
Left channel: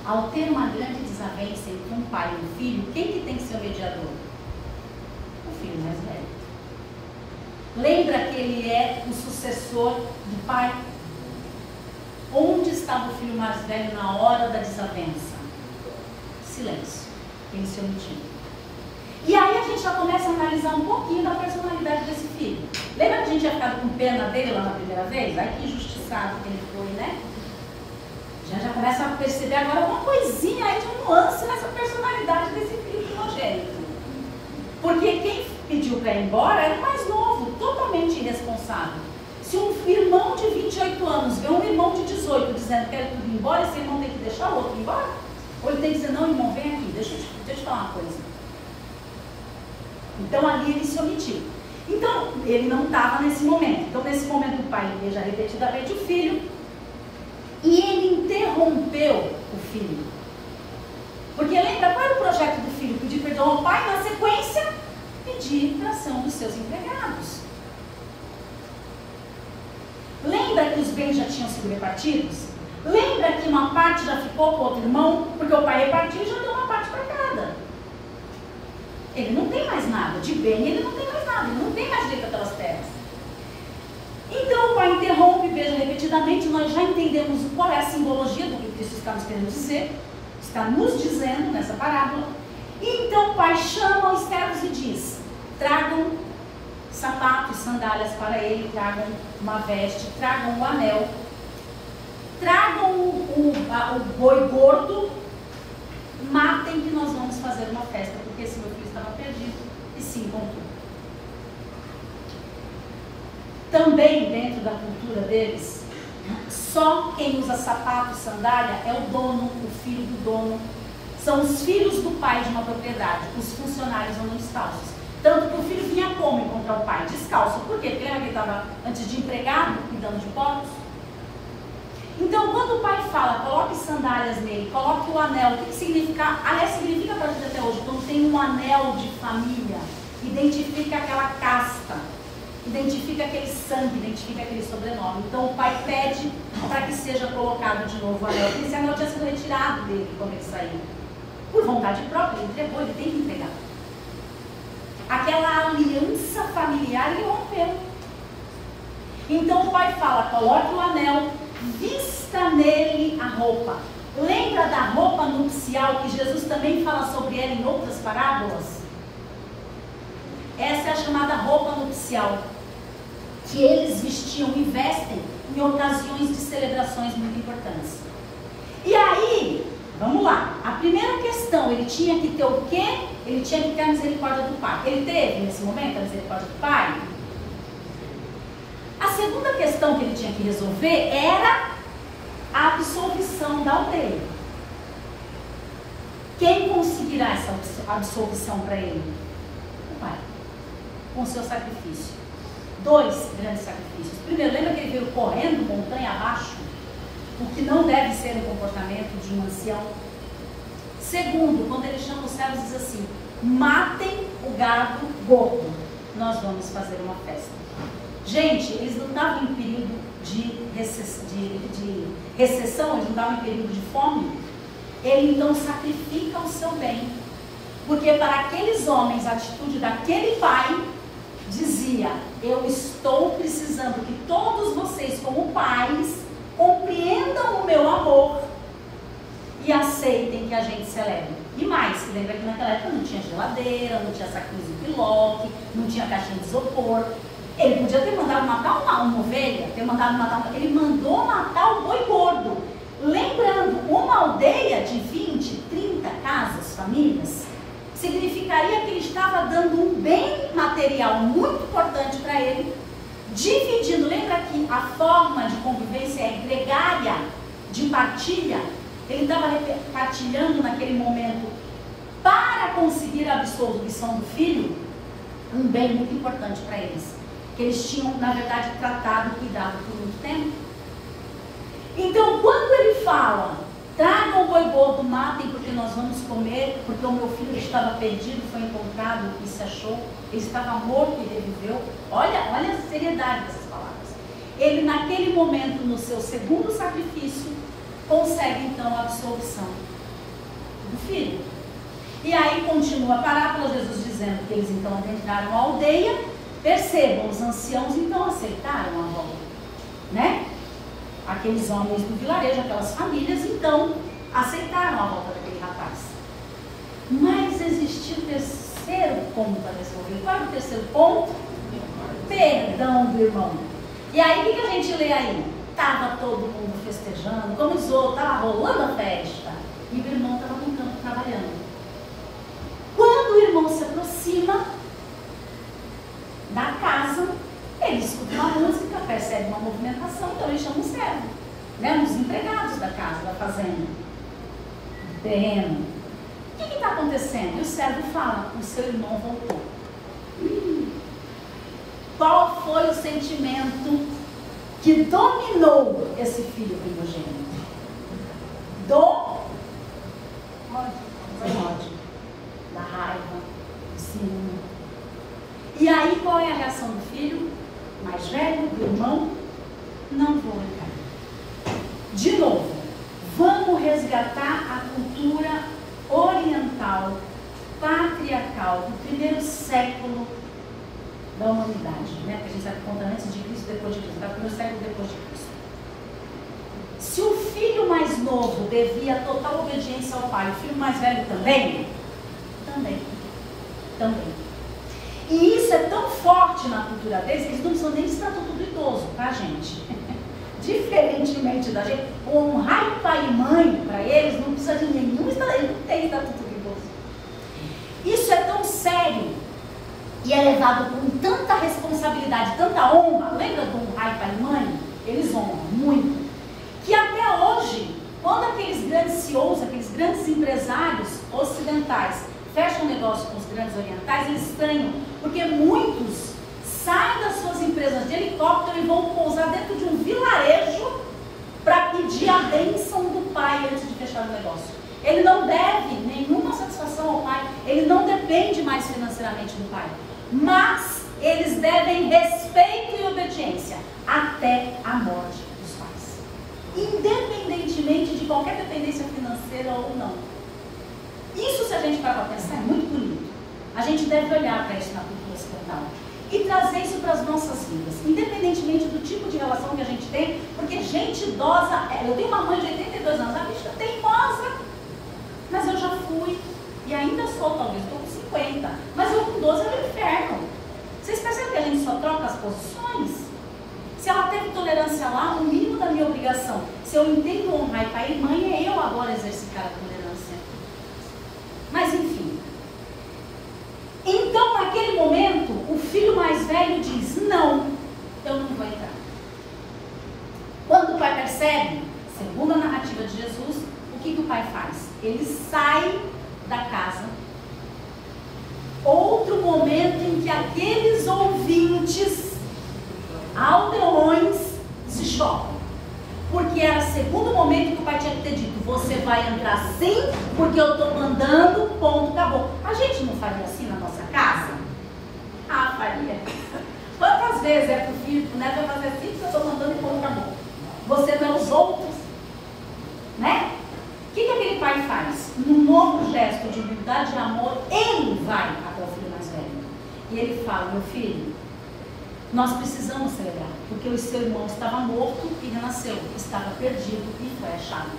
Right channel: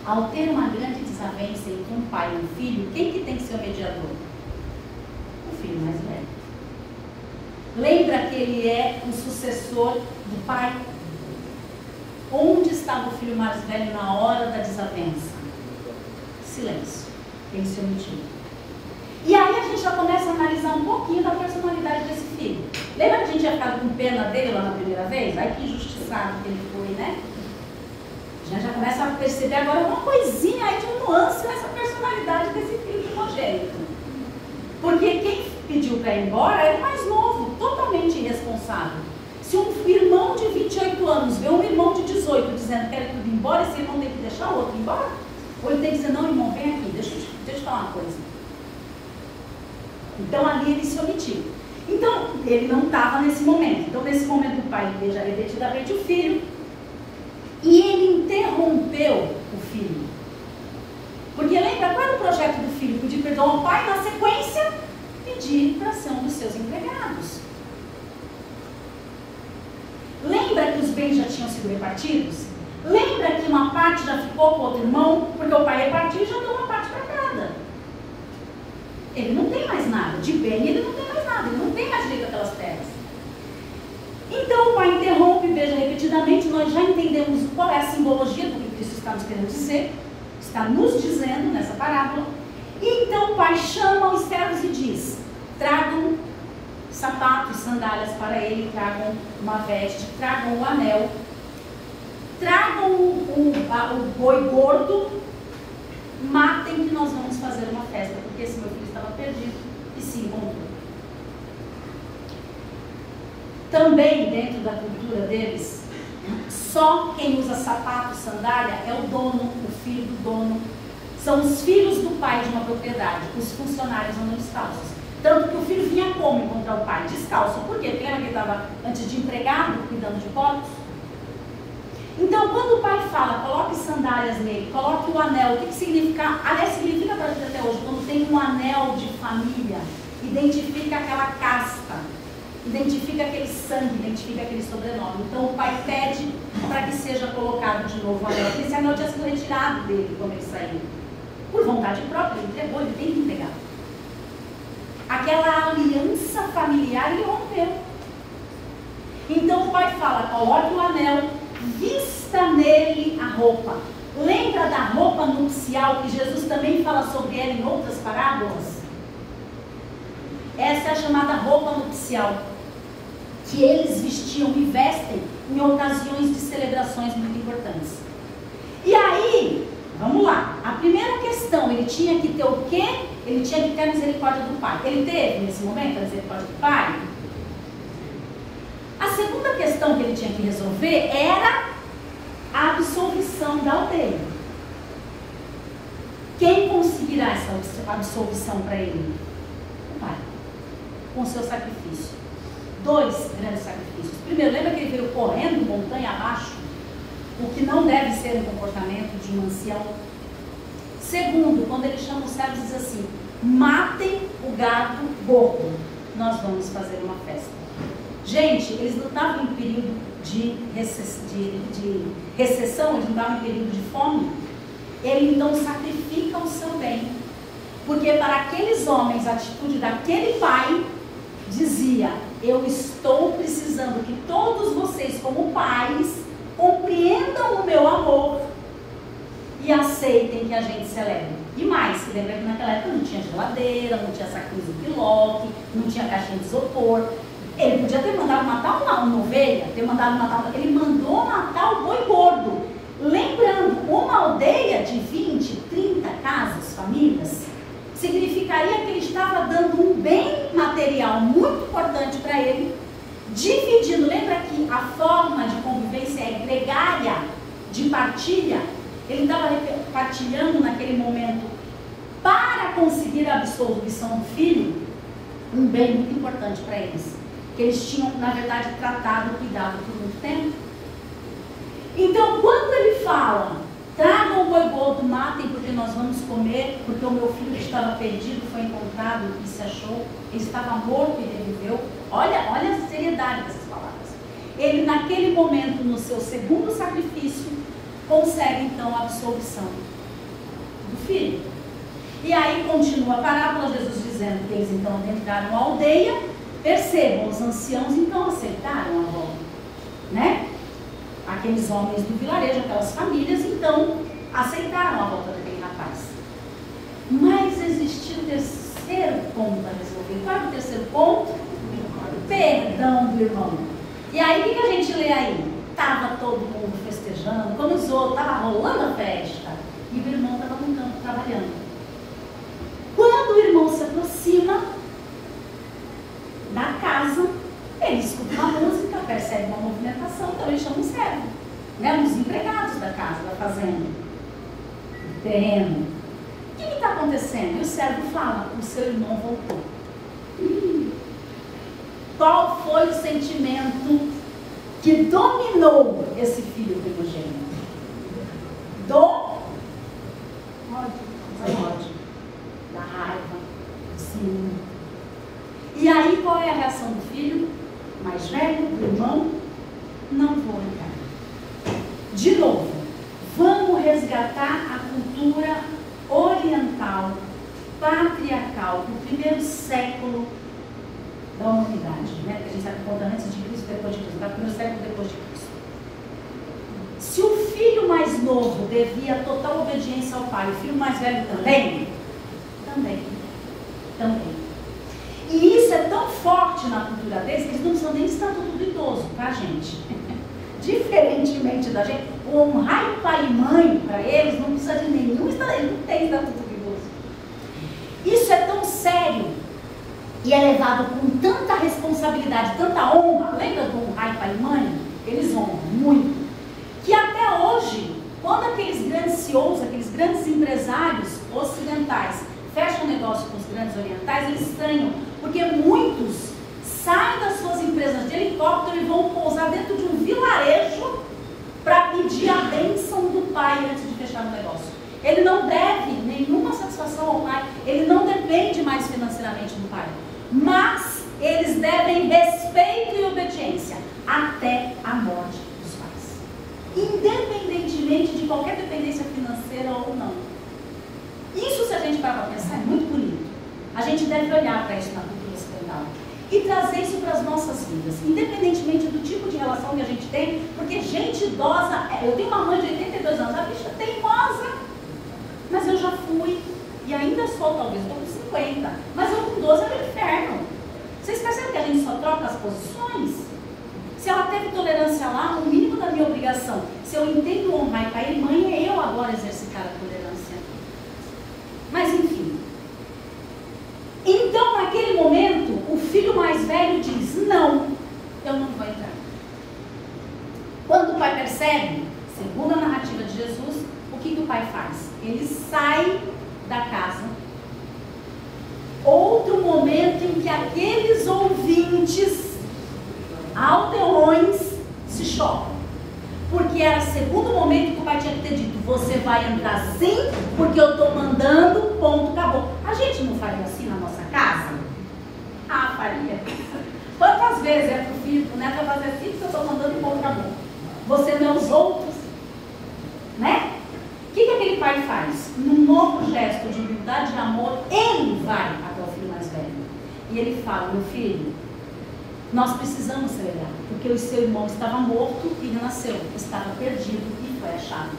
ao ter uma grande desavença entre um pai e um filho, quem que tem que ser o mediador? O filho mais velho. Lembra que ele é o sucessor do pai? Onde estava o filho mais velho na hora da desavença? Silêncio. Ele se omitiu. E aí a gente já começa a analisar um pouquinho da personalidade desse filho. Lembra que a gente ia ficar com pena dele lá na primeira vez? Ai, que injustiçado que ele foi, né? A gente já começa a perceber agora uma coisinha aí de um nuance nessa personalidade desse filho primogênito. Porque quem pediu para ir embora era o mais novo, totalmente irresponsável. Se um irmão de 28 anos vê um irmão de 18 dizendo que quer tudo embora, esse irmão tem que deixar o outro embora? Ou ele tem que dizer: não, irmão, vem aqui, deixa eu te falar uma coisa. Então ali ele se omitiu. Então ele não estava nesse momento. Então nesse momento o pai beija repetidamente o filho. E ele interrompeu o filho. Porque lembra qual era o projeto do filho? Pedir perdão ao pai, na sequência pedir para ser um dos seus empregados. Lembra que os bens já tinham sido repartidos? Lembra que uma parte já ficou com o outro irmão? Porque o pai repartiu e já deu uma parte para cada. Ele não tem mais nada. De bem ele não tem mais nada. Ele não tem mais direito àquelas terras. Então o pai interrompe, beija repetidamente. Nós já entendemos qual é a simbologia do que Cristo está nos querendo dizer. Está nos dizendo nessa parábola. E então o pai chama os servos e diz: tragam sapatos, sandálias para ele, tragam uma veste, tragam o anel, tragam o boi gordo, matem que nós vamos fazer uma festa, porque esse meu filho estava perdido e se encontrou. Também dentro da cultura deles, Só quem usa sapato, sandália, é o dono, o filho do dono. São os filhos do pai de uma propriedade. Os funcionários andam descalços. Tanto que o filho vinha como encontrar o pai? Descalço. Por quê? Porque lembra que ele estava antes de empregado, cuidando de porcos? Então, quando o pai fala, coloque sandálias nele, coloque o anel, o que significa? Aliás, significa para a gente até hoje, quando tem um anel de família, identifica aquela casta, identifica aquele sangue, identifica aquele sobrenome. Então, o pai pede para que seja colocado de novo o anel. Esse anel tinha sido retirado dele quando ele saiu. Por vontade própria, ele entregou, ele tem que entregar. Aquela aliança familiar ele rompeu. Então o pai fala, coloque o anel, vista nele a roupa. Lembra da roupa nupcial que Jesus também fala sobre ela em outras parábolas? Essa é a chamada roupa nupcial, que eles vestiam e vestem em ocasiões de celebrações muito importantes. E aí, vamos lá, a primeira questão, ele tinha que ter o quê? Ele tinha que ter a misericórdia do pai. Ele teve nesse momento a misericórdia do pai? A segunda questão que ele tinha que resolver era a absolvição da aldeia. Quem conseguirá essa absolvição para ele? O pai, com o seu sacrifício. 2 grandes sacrifícios. Primeiro, lembra que ele veio correndo montanha abaixo? O que não deve ser um comportamento de um ancião. Segundo, quando ele chama os servos, diz assim: matem o gado gordo, nós vamos fazer uma festa. Gente, eles não estavam em período de recessão, eles não estavam em período de fome. Ele então sacrifica o seu bem, porque para aqueles homens a atitude daquele pai dizia: eu estou precisando que todos vocês como pais compreendam o meu amor e aceitem que a gente celebre. E mais, lembra que naquela época não tinha geladeira, não tinha saquinho de piloque, não tinha caixinha de isopor. Ele podia ter mandado matar uma ovelha, ele mandou matar o boi gordo. Lembrando, uma aldeia de 20, 30 casas, famílias, significaria que ele estava dando um bem material muito importante para ele, dividindo. Lembra que a forma de convivência é gregária, de partilha. Ele estava partilhando naquele momento para conseguir a absolvição do filho, um bem muito importante para eles, que eles tinham, na verdade, tratado, cuidado por muito tempo. Então, quando ele fala, tragam o boi gordo, matem porque nós vamos comer, porque o meu filho que estava perdido foi encontrado e se achou, ele estava morto e reviveu. Olha a seriedade dessas palavras. Ele, naquele momento, no seu segundo sacrifício, consegue então a absolvição do filho. E aí continua a parábola, Jesus dizendo que eles então adentraram a aldeia. Percebam, os anciãos então aceitaram a volta, né? Aqueles homens do vilarejo, aquelas famílias, então aceitaram a volta daquele rapaz. Mas existia o terceiro ponto a resolver. Qual é o terceiro ponto? Perdão do irmão. E aí, o que a gente lê aí? Estava todo mundo festejando, começou, estava rolando a festa, e o irmão estava no campo trabalhando. Quando o irmão se aproxima da casa, ele escuta uma música, percebe uma movimentação, então ele chama um servo, né, um dos empregados da casa, da fazenda, do terreno. O que está acontecendo? E o servo fala: o seu irmão voltou. Qual foi o sentimento que dominou esse filho primogênito? Ódio, da raiva, do ciúme. E aí, qual é a reação do filho mais velho, do irmão? Não vou lutar. De novo, vamos resgatar a cultura oriental, patriarcal, do primeiro século da humanidade, né? Porque a gente sabe que conta antes de Cristo e depois de Cristo, tá? Primeiro século depois de Cristo. Se o filho mais novo devia total obediência ao pai, o filho mais velho também? Também. E isso é tão forte na cultura deles que eles não precisam nem estar tudo idoso, tá, gente? Diferentemente da gente, honrar pai e mãe, para eles, não precisa de nenhum, ele não tem que estar tudo idoso. Isso é tão sério e é levado com tanta responsabilidade, tanta honra. Lembra do honrar pai e mãe? eles honram muito. Que até hoje, quando aqueles grandes CEOs, aqueles grandes empresários ocidentais fecham negócio com os grandes orientais, eles estranham, porque muitos saem das suas empresas de helicóptero e vão pousar dentro de um vilarejo para pedir a bênção do pai antes de fechar o negócio. Ele não deve nenhuma satisfação ao pai, ele não depende mais financeiramente do pai, mas eles devem respeito e obediência até a morte dos pais, independentemente de qualquer dependência financeira ou não. Isso, se a gente parar para pensar, é muito bonito. A gente deve olhar para isso na cultura ocidental e trazer isso para as nossas vidas, independentemente do tipo de relação que a gente tem, porque gente idosa, eu tenho uma mãe de 82 anos, a bicha teimosa, mas eu já fui, e ainda sou, talvez, estou com 50, mas eu com 12 era o inferno. Vocês percebem que a gente só troca as posições? Se ela teve tolerância lá, o mínimo da minha obrigação, se eu entendo honrar e pai e mãe, é eu agora exercitar a tolerância. Mas enfim. Então, naquele momento, o filho mais velho diz, não, eu não vou entrar. Quando o pai percebe, segundo a narrativa de Jesus, o que o pai faz? Ele sai da casa. Outro momento em que aqueles ouvintes aldeões se chocam. Porque era o segundo momento que o pai tinha que ter dito, você vai entrar sim, porque eu estou mandando, ponto, acabou. A gente não faria assim na nossa casa? Ah, faria. Quantas vezes é pro filho, pro neto, vai fazer assim, que eu estou mandando e ponto, acabou. Você não é os outros, né? O que aquele pai faz? Num novo gesto de humildade e amor, ele vai até o filho mais velho. E ele fala, meu filho, nós precisamos celebrar, porque o seu irmão estava morto e renasceu, estava perdido e foi achado.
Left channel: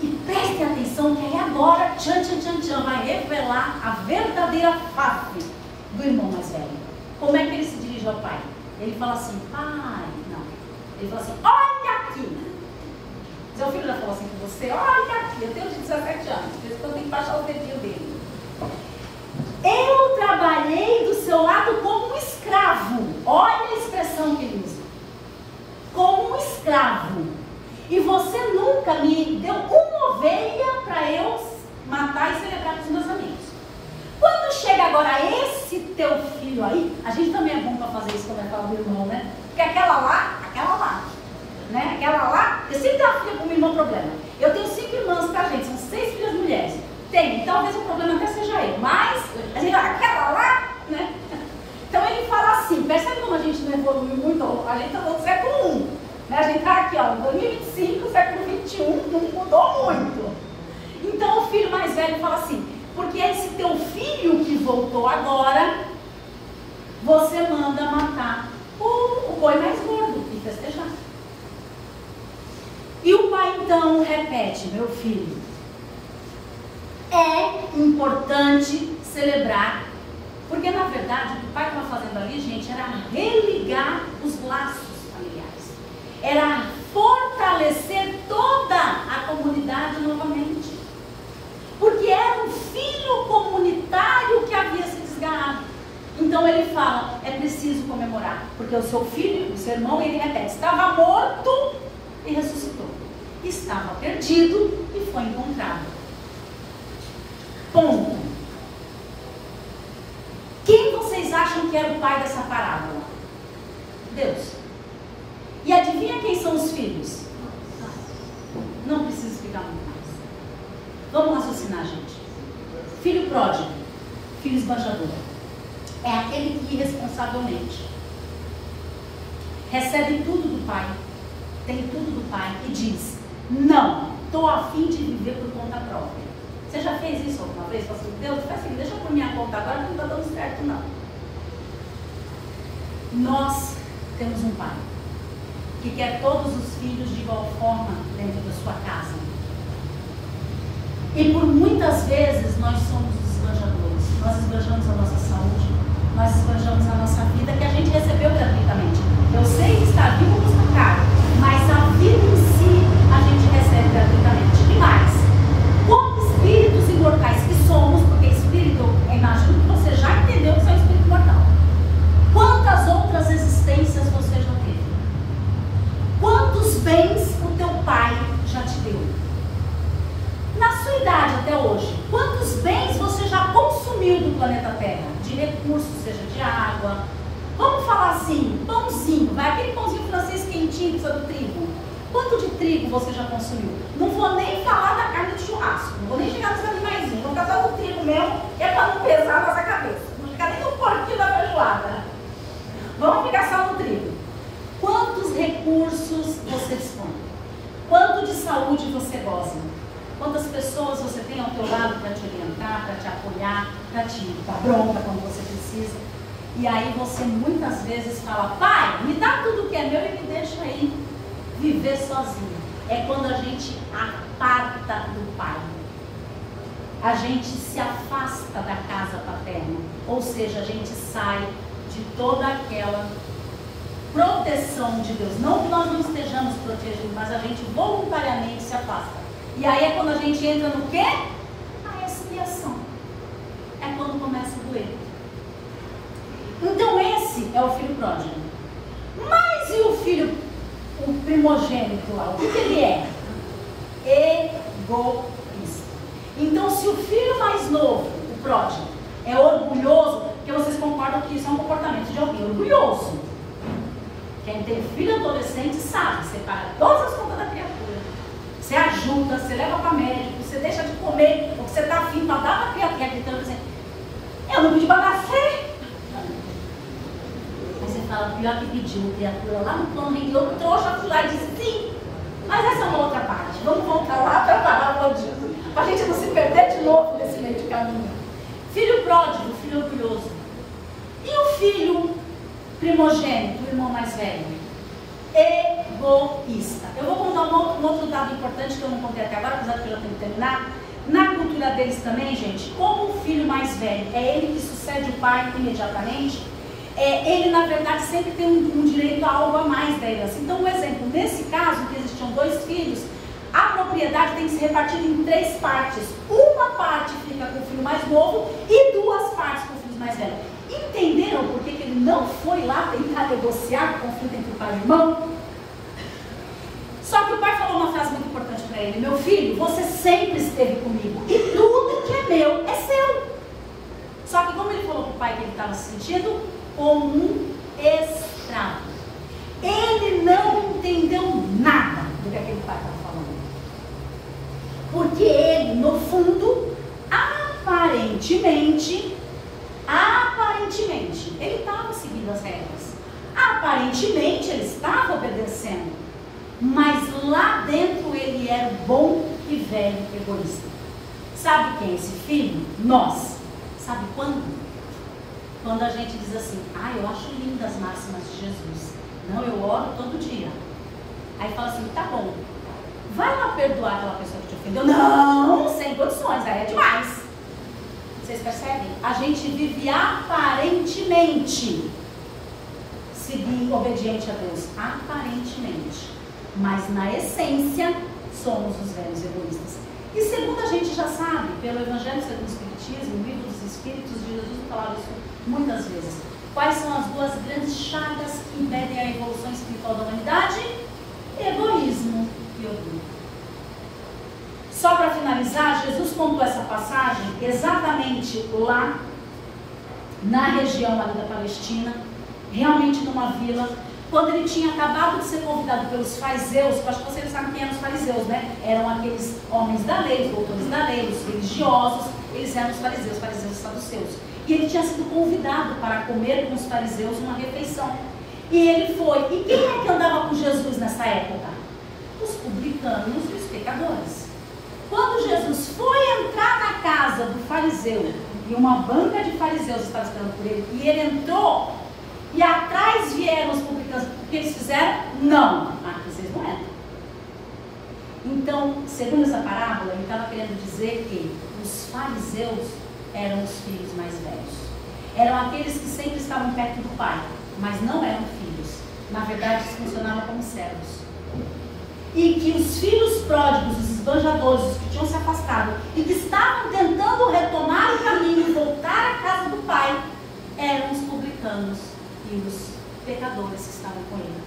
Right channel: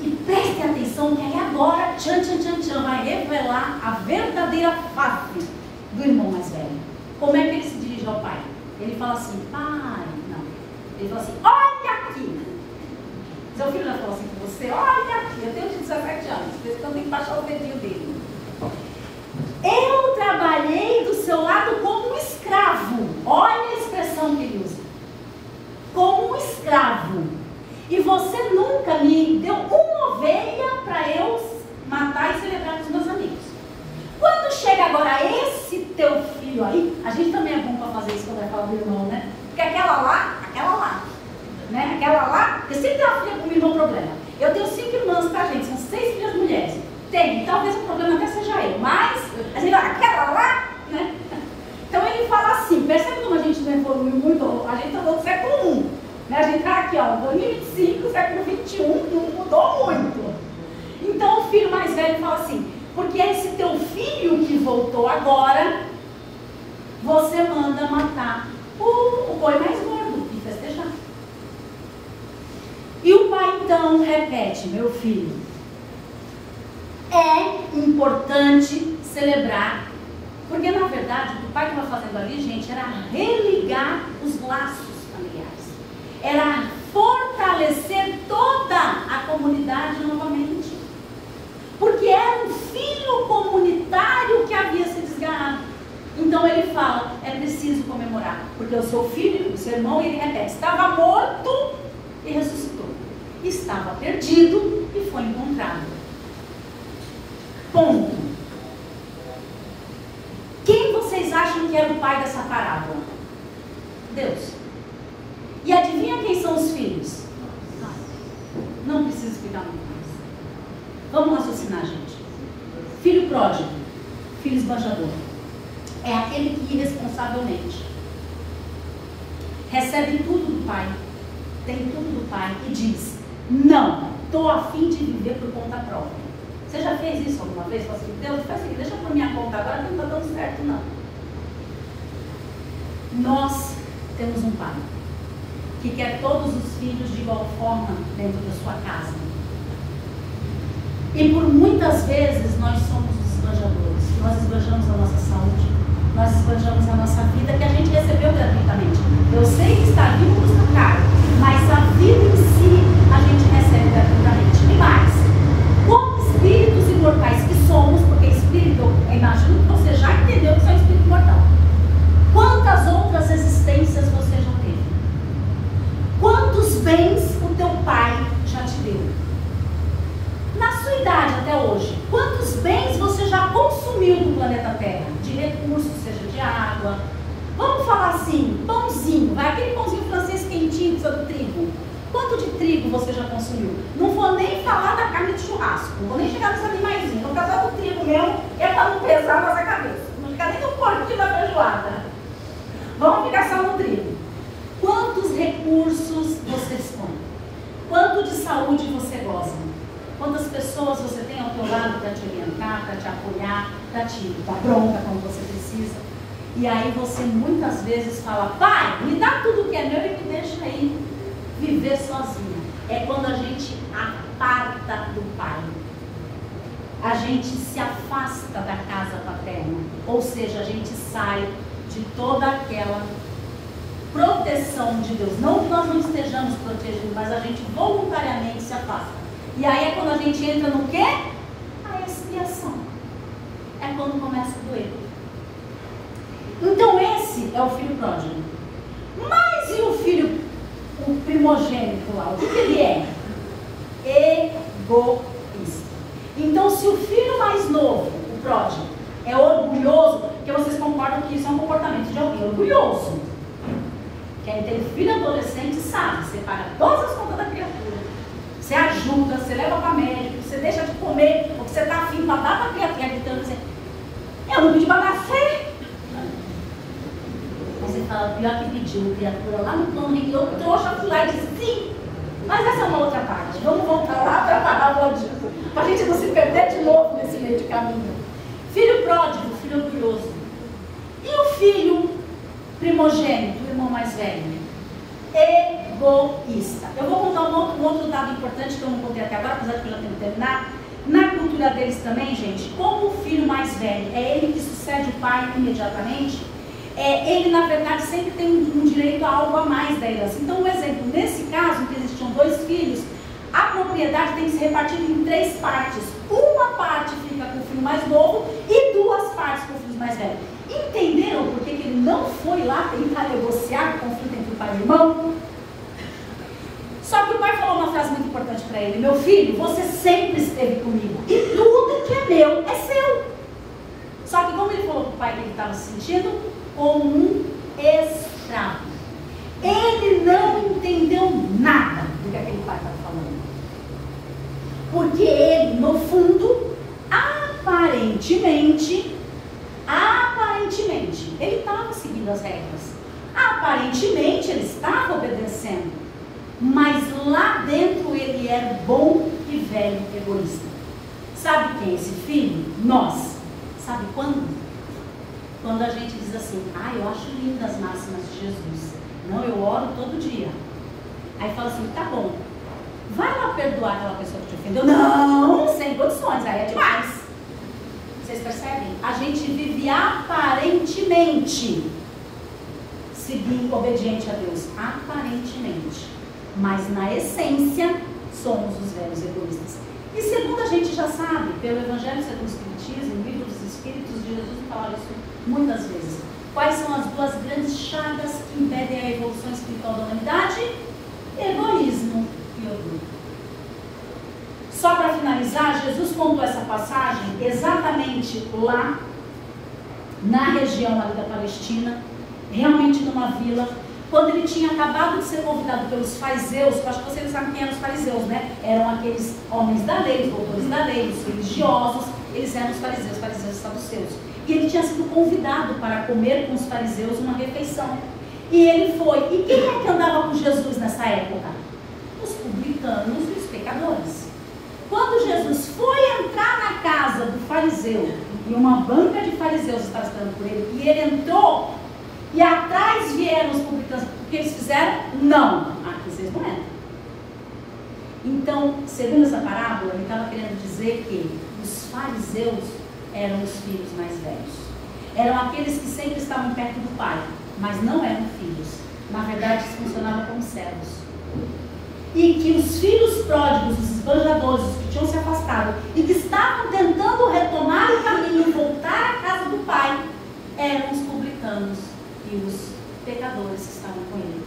E preste atenção que aí agora, vai revelar a verdadeira face do irmão mais velho. Como é que ele se dirige ao pai? Ele fala assim, pai, não. Ele fala assim, olha aqui. Seu filho já falou assim com você, olha aqui, eu tenho de 17 anos, por isso que eu tenho que baixar o dedinho dele. Eu trabalhei do seu lado como um escravo. Olha a expressão que ele usa. Como um escravo. E você nunca me deu uma ovelha para eu matar e celebrar com os meus amigos. Quando chega agora esse teu filho aí, a gente também é bom para fazer isso quando vai falar do irmão, né? Porque aquela lá, né? Aquela lá, porque sempre tem uma filha com o mesmo problema. Eu tenho 5 irmãs, tá, gente? São 6 filhas mulheres. Tem, talvez o problema até seja eu, mas a gente vai, aquela lá, né? Então ele fala assim, percebe como a gente não evoluiu muito? A gente está no século I, né? A gente está aqui, ó, 2025, século XXI, não mudou muito. Então o filho mais velho fala assim, porque esse teu filho que voltou agora, você manda matar o boi mais gordo e festejar. E o pai então repete, meu filho, é importante celebrar, porque na verdade o que o pai estava fazendo ali, gente, era religar os laços familiares, era fortalecer toda a comunidade novamente, porque era um filho comunitário que havia se desgarrado. Então ele fala, é preciso comemorar, porque o seu filho, o seu irmão, ele repete, estava morto e ressuscitou, estava perdido e foi encontrado. Ponto. Quem vocês acham que era o pai dessa parábola? Deus. E adivinha quem são os filhos? Não precisa explicar muito mais. Vamos raciocinar, gente. Filho pródigo, filho esbanjador, é aquele que irresponsavelmente recebe tudo do pai, tem tudo do pai e diz, não, estou a fim de viver por conta própria. Você já fez isso alguma vez? Fala assim, Deus, faz assim, deixa por minha conta agora, não está dando certo não. Nós temos um pai que quer todos os filhos de igual forma dentro da sua casa. E por muitas vezes nós somos os esbanjadores. Nós esbanjamos a nossa saúde, nós esbanjamos a nossa vida que a gente recebeu gratuitamente. Eu sei que estar vivo custa caro, mas a vida em si a gente recebe gratuitamente. E mais, como espíritos imortais que somos, porque espírito, eu imagino que você já entendeu que você é um espírito mortal. Quantas outras existências você já teve? assim, pãozinho, vai aquele pãozinho francês quentinho do trigo. Quanto de trigo você já consumiu? Não vou nem falar da carne de churrasco, não vou nem chegar nos animaizinhos, vou casar do trigo mesmo, é para não pesar a nossa cabeça. Não ficar nem no porquinho da feijoada. Vamos ficar só no trigo. Quantos recursos você dispõe? Quanto de saúde você goza? Quantas pessoas você tem ao teu lado para te orientar, para te apoiar, para te dar bronca quando você precisa? E aí você muitas vezes fala, pai, me dá tudo que é meu e me deixa aí viver sozinho. É quando a gente aparta do pai. A gente se afasta da casa paterna. Ou seja, a gente sai de toda aquela proteção de Deus. Não que nós não estejamos protegidos, mas a gente voluntariamente se afasta. E aí é quando a gente entra no quê? A expiação. É quando começa a doer. Então esse é o filho pródigo. Mas e o filho, o primogênito lá? O que ele é? Egoísta. Então se o filho mais novo, o pródigo, é orgulhoso, porque vocês concordam que isso é um comportamento de alguém orgulhoso. Quem tem filho adolescente sabe, você paga todas as contas da criatura, você ajuda, você leva para médico, você deixa de comer o que você está afim para dar para a criatura, gritando assim, eu não pedi para nascer. Aí você fala, pior que pediu, criatura lá no plano, eu trouxa, fui lá e disse sim. Mas essa é uma outra parte, vamos voltar lá para a parábola disso, para a gente não se perder de novo nesse meio de caminho. Filho pródigo, filho orgulhoso. E o filho primogênito, o irmão mais velho? Egoísta. Eu vou contar um outro dado importante que eu não contei até agora, apesar de que eu já tenho que terminar. Na cultura deles também, gente, como o filho mais velho é ele que sucede o pai imediatamente, ele na verdade sempre tem um direito a algo a mais da herança. Então, um exemplo, nesse caso, que existiam 2 filhos, a propriedade tem que ser repartida em 3 partes. Uma parte fica com o filho mais novo e 2 partes com o filho mais velho. Entenderam por que ele não foi lá tentar negociar o conflito entre o pai e o irmão? Só que o pai falou uma frase muito importante para ele: meu filho, você sempre esteve comigo e tudo que é meu é seu. Só que como ele falou para o pai que ele estava se sentindo? Como um escravo. Ele não entendeu nada do que aquele pai estava falando. Porque ele, no fundo, aparentemente, ele estava seguindo as regras. Aparentemente, ele estava obedecendo. Mas lá dentro ele era bom e velho egoísta. Sabe quem é esse filho? Nós. Sabe quando? Quando a gente diz assim, eu acho lindas as máximas de Jesus. Não, eu oro todo dia. Aí fala assim, tá bom, vai lá perdoar aquela pessoa que te ofendeu? Não, sem condições, aí é demais. Vocês percebem? A gente vive aparentemente seguindo, obediente a Deus. Aparentemente. Mas na essência, somos os velhos egoístas. E segundo a gente já sabe, pelo Evangelho segundo o Espiritismo, no Livro dos Espíritos, Jesus falava isso muitas vezes. Quais são as 2 grandes chagas que impedem a evolução espiritual da humanidade? Egoísmo e orgulho. Só para finalizar, Jesus contou essa passagem exatamente lá na região ali da Palestina, realmente numa vila, quando ele tinha acabado de ser convidado pelos fariseus. Acho que vocês sabem quem eram os fariseus, né? Eram aqueles homens da lei, os doutores da lei, os religiosos, eles eram os fariseus saduceus. E ele tinha sido convidado para comer com os fariseus uma refeição. E ele foi. E quem é que andava com Jesus nessa época? Os publicanos e os pecadores. Quando Jesus foi entrar na casa do fariseu, e uma banca de fariseus estava esperando por ele, e ele entrou, e atrás vieram os publicanos, o que eles fizeram? Não, aqui vocês não entram. Então, segundo essa parábola, ele estava querendo dizer que os fariseus eram os filhos mais velhos. Eram aqueles que sempre estavam perto do pai, mas não eram filhos. Na verdade, eles funcionavam como servos. E que os filhos pródigos, os esbanjadores, os que tinham se afastado e que estavam tentando retomar o caminho e voltar à casa do pai, eram os publicanos e os pecadores que estavam com ele.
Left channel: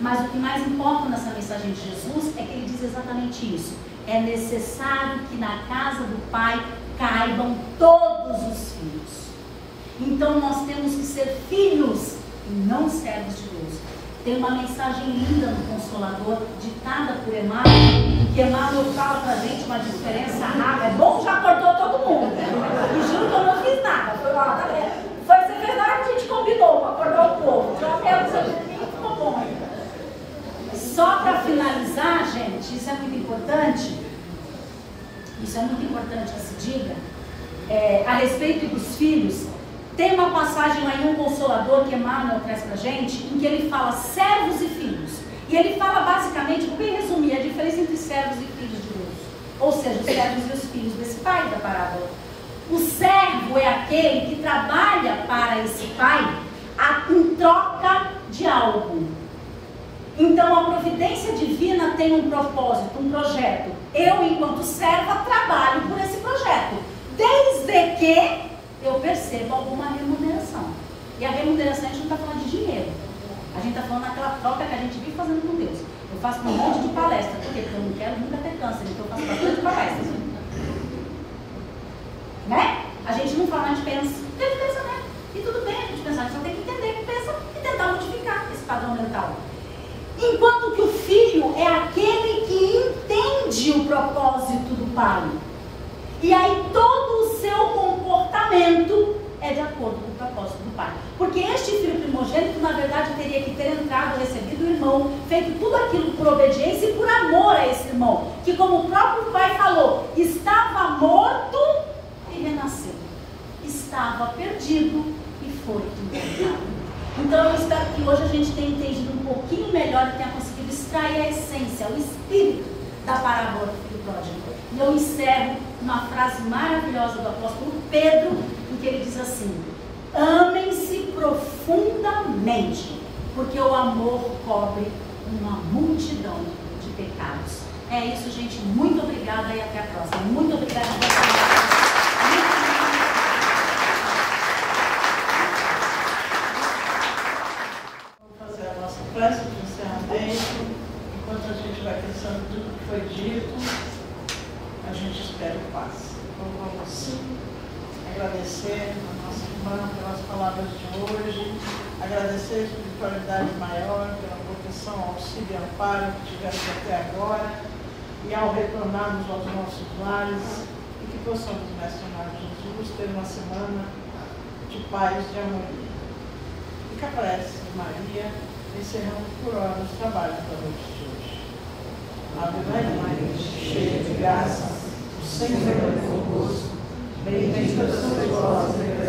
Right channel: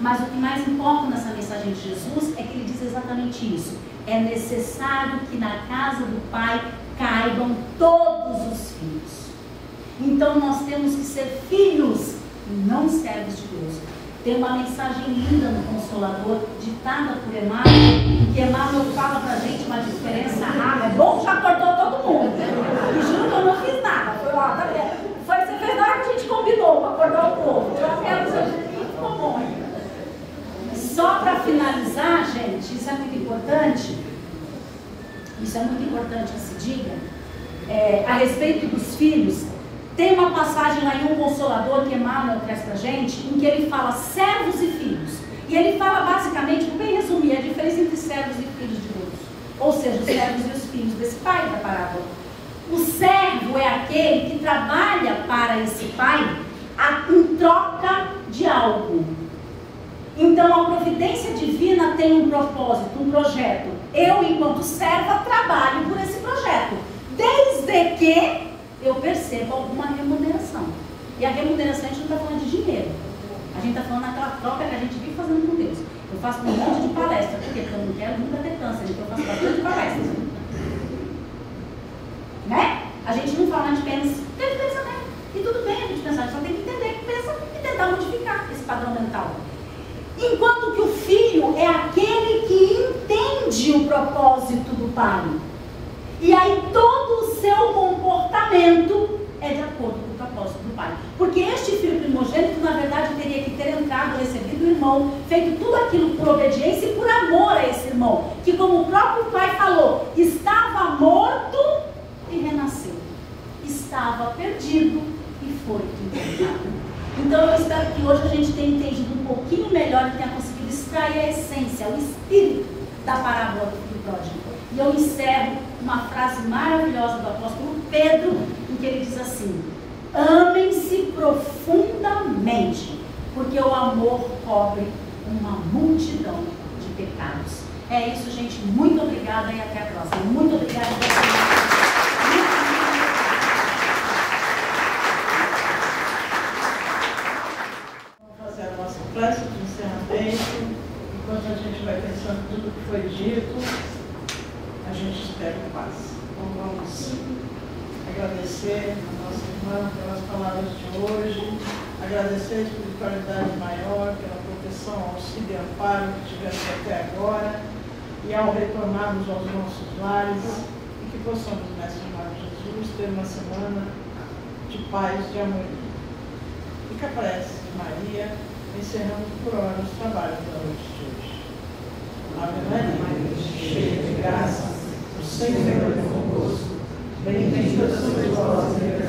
Mas o que mais importa nessa mensagem de Jesus é que ele diz exatamente isso. É necessário que na casa do pai caibam todos os filhos. Então nós temos que ser filhos e não servos de Deus. Tem uma mensagem linda no Consolador, ditada por Emmanuel, que Emmanuel fala pra gente uma diferença rara. É bom que já cortou todo mundo. E juro que eu não fiz nada. Foi lá, tá vendo? Você fez na hora que a gente combinou para acordar o povo. Já menos eu ficou bom ainda. Só para finalizar, gente, isso é muito importante. Isso é muito importante que se diga. A respeito dos filhos, tem uma passagem lá em Um Consolador que Emmanuel traz pra gente, em que ele fala servos e filhos. E ele fala basicamente, vou bem resumir, a diferença entre servos e filhos de Deus. Ou seja, os servos e os filhos desse pai da parábola. O servo é aquele que trabalha para esse pai em troca de algo. Então a providência divina tem um propósito, um projeto. Eu, enquanto serva, trabalho por esse projeto, desde que eu percebo alguma remuneração. E a remuneração a gente não está falando de dinheiro. A gente está falando daquela troca que a gente vive fazendo com Deus. Eu faço um monte de palestra. Por quê? Porque eu não quero nunca ter câncer. Então eu faço bastante palestras. Né? A gente não fala, a gente pensa. Tem pensamento. E tudo bem a gente pensar. A gente só tem que entender que pensa e tentar modificar esse padrão mental. Enquanto que o filho é aquele que entende o propósito do pai. E aí todo o seu comportamento é de acordo com o propósito do pai. Porque este filho primogênito, na verdade, teria que ter entrado, recebido o irmão, feito tudo aquilo por obediência e por amor a esse irmão. Que, como o próprio pai falou, estava morto e renasceu. Estava perdido e foi encontrado. Então eu espero que hoje a gente tenha entendido um pouquinho melhor e tenha conseguido extrair a essência, o espírito da parábola do filho pródigo. E eu encerro uma frase maravilhosa do apóstolo Pedro, em que ele diz assim: amem-se profundamente, porque o amor cobre uma multidão de pecados. É isso, gente. Muito obrigada e até a próxima. Muito obrigada por fazer a nossa prece de encerramento. Enquanto a gente vai pensando tudo que foi dito, a gente espera o paz. Então vamos agradecer a nossa irmã pelas palavras de hoje, agradecer a espiritualidade maior pela proteção, auxílio e amparo que tivemos até agora, e ao retornarmos aos nossos lares, e que possamos, Mestre amado Jesus, ter uma semana de paz, de harmonia. Fica a prece de Maria, encerrando por hora os trabalhos da noite de hoje. Ave Maria, cheia de graça, o Senhor é convosco. Bendita sois vós entre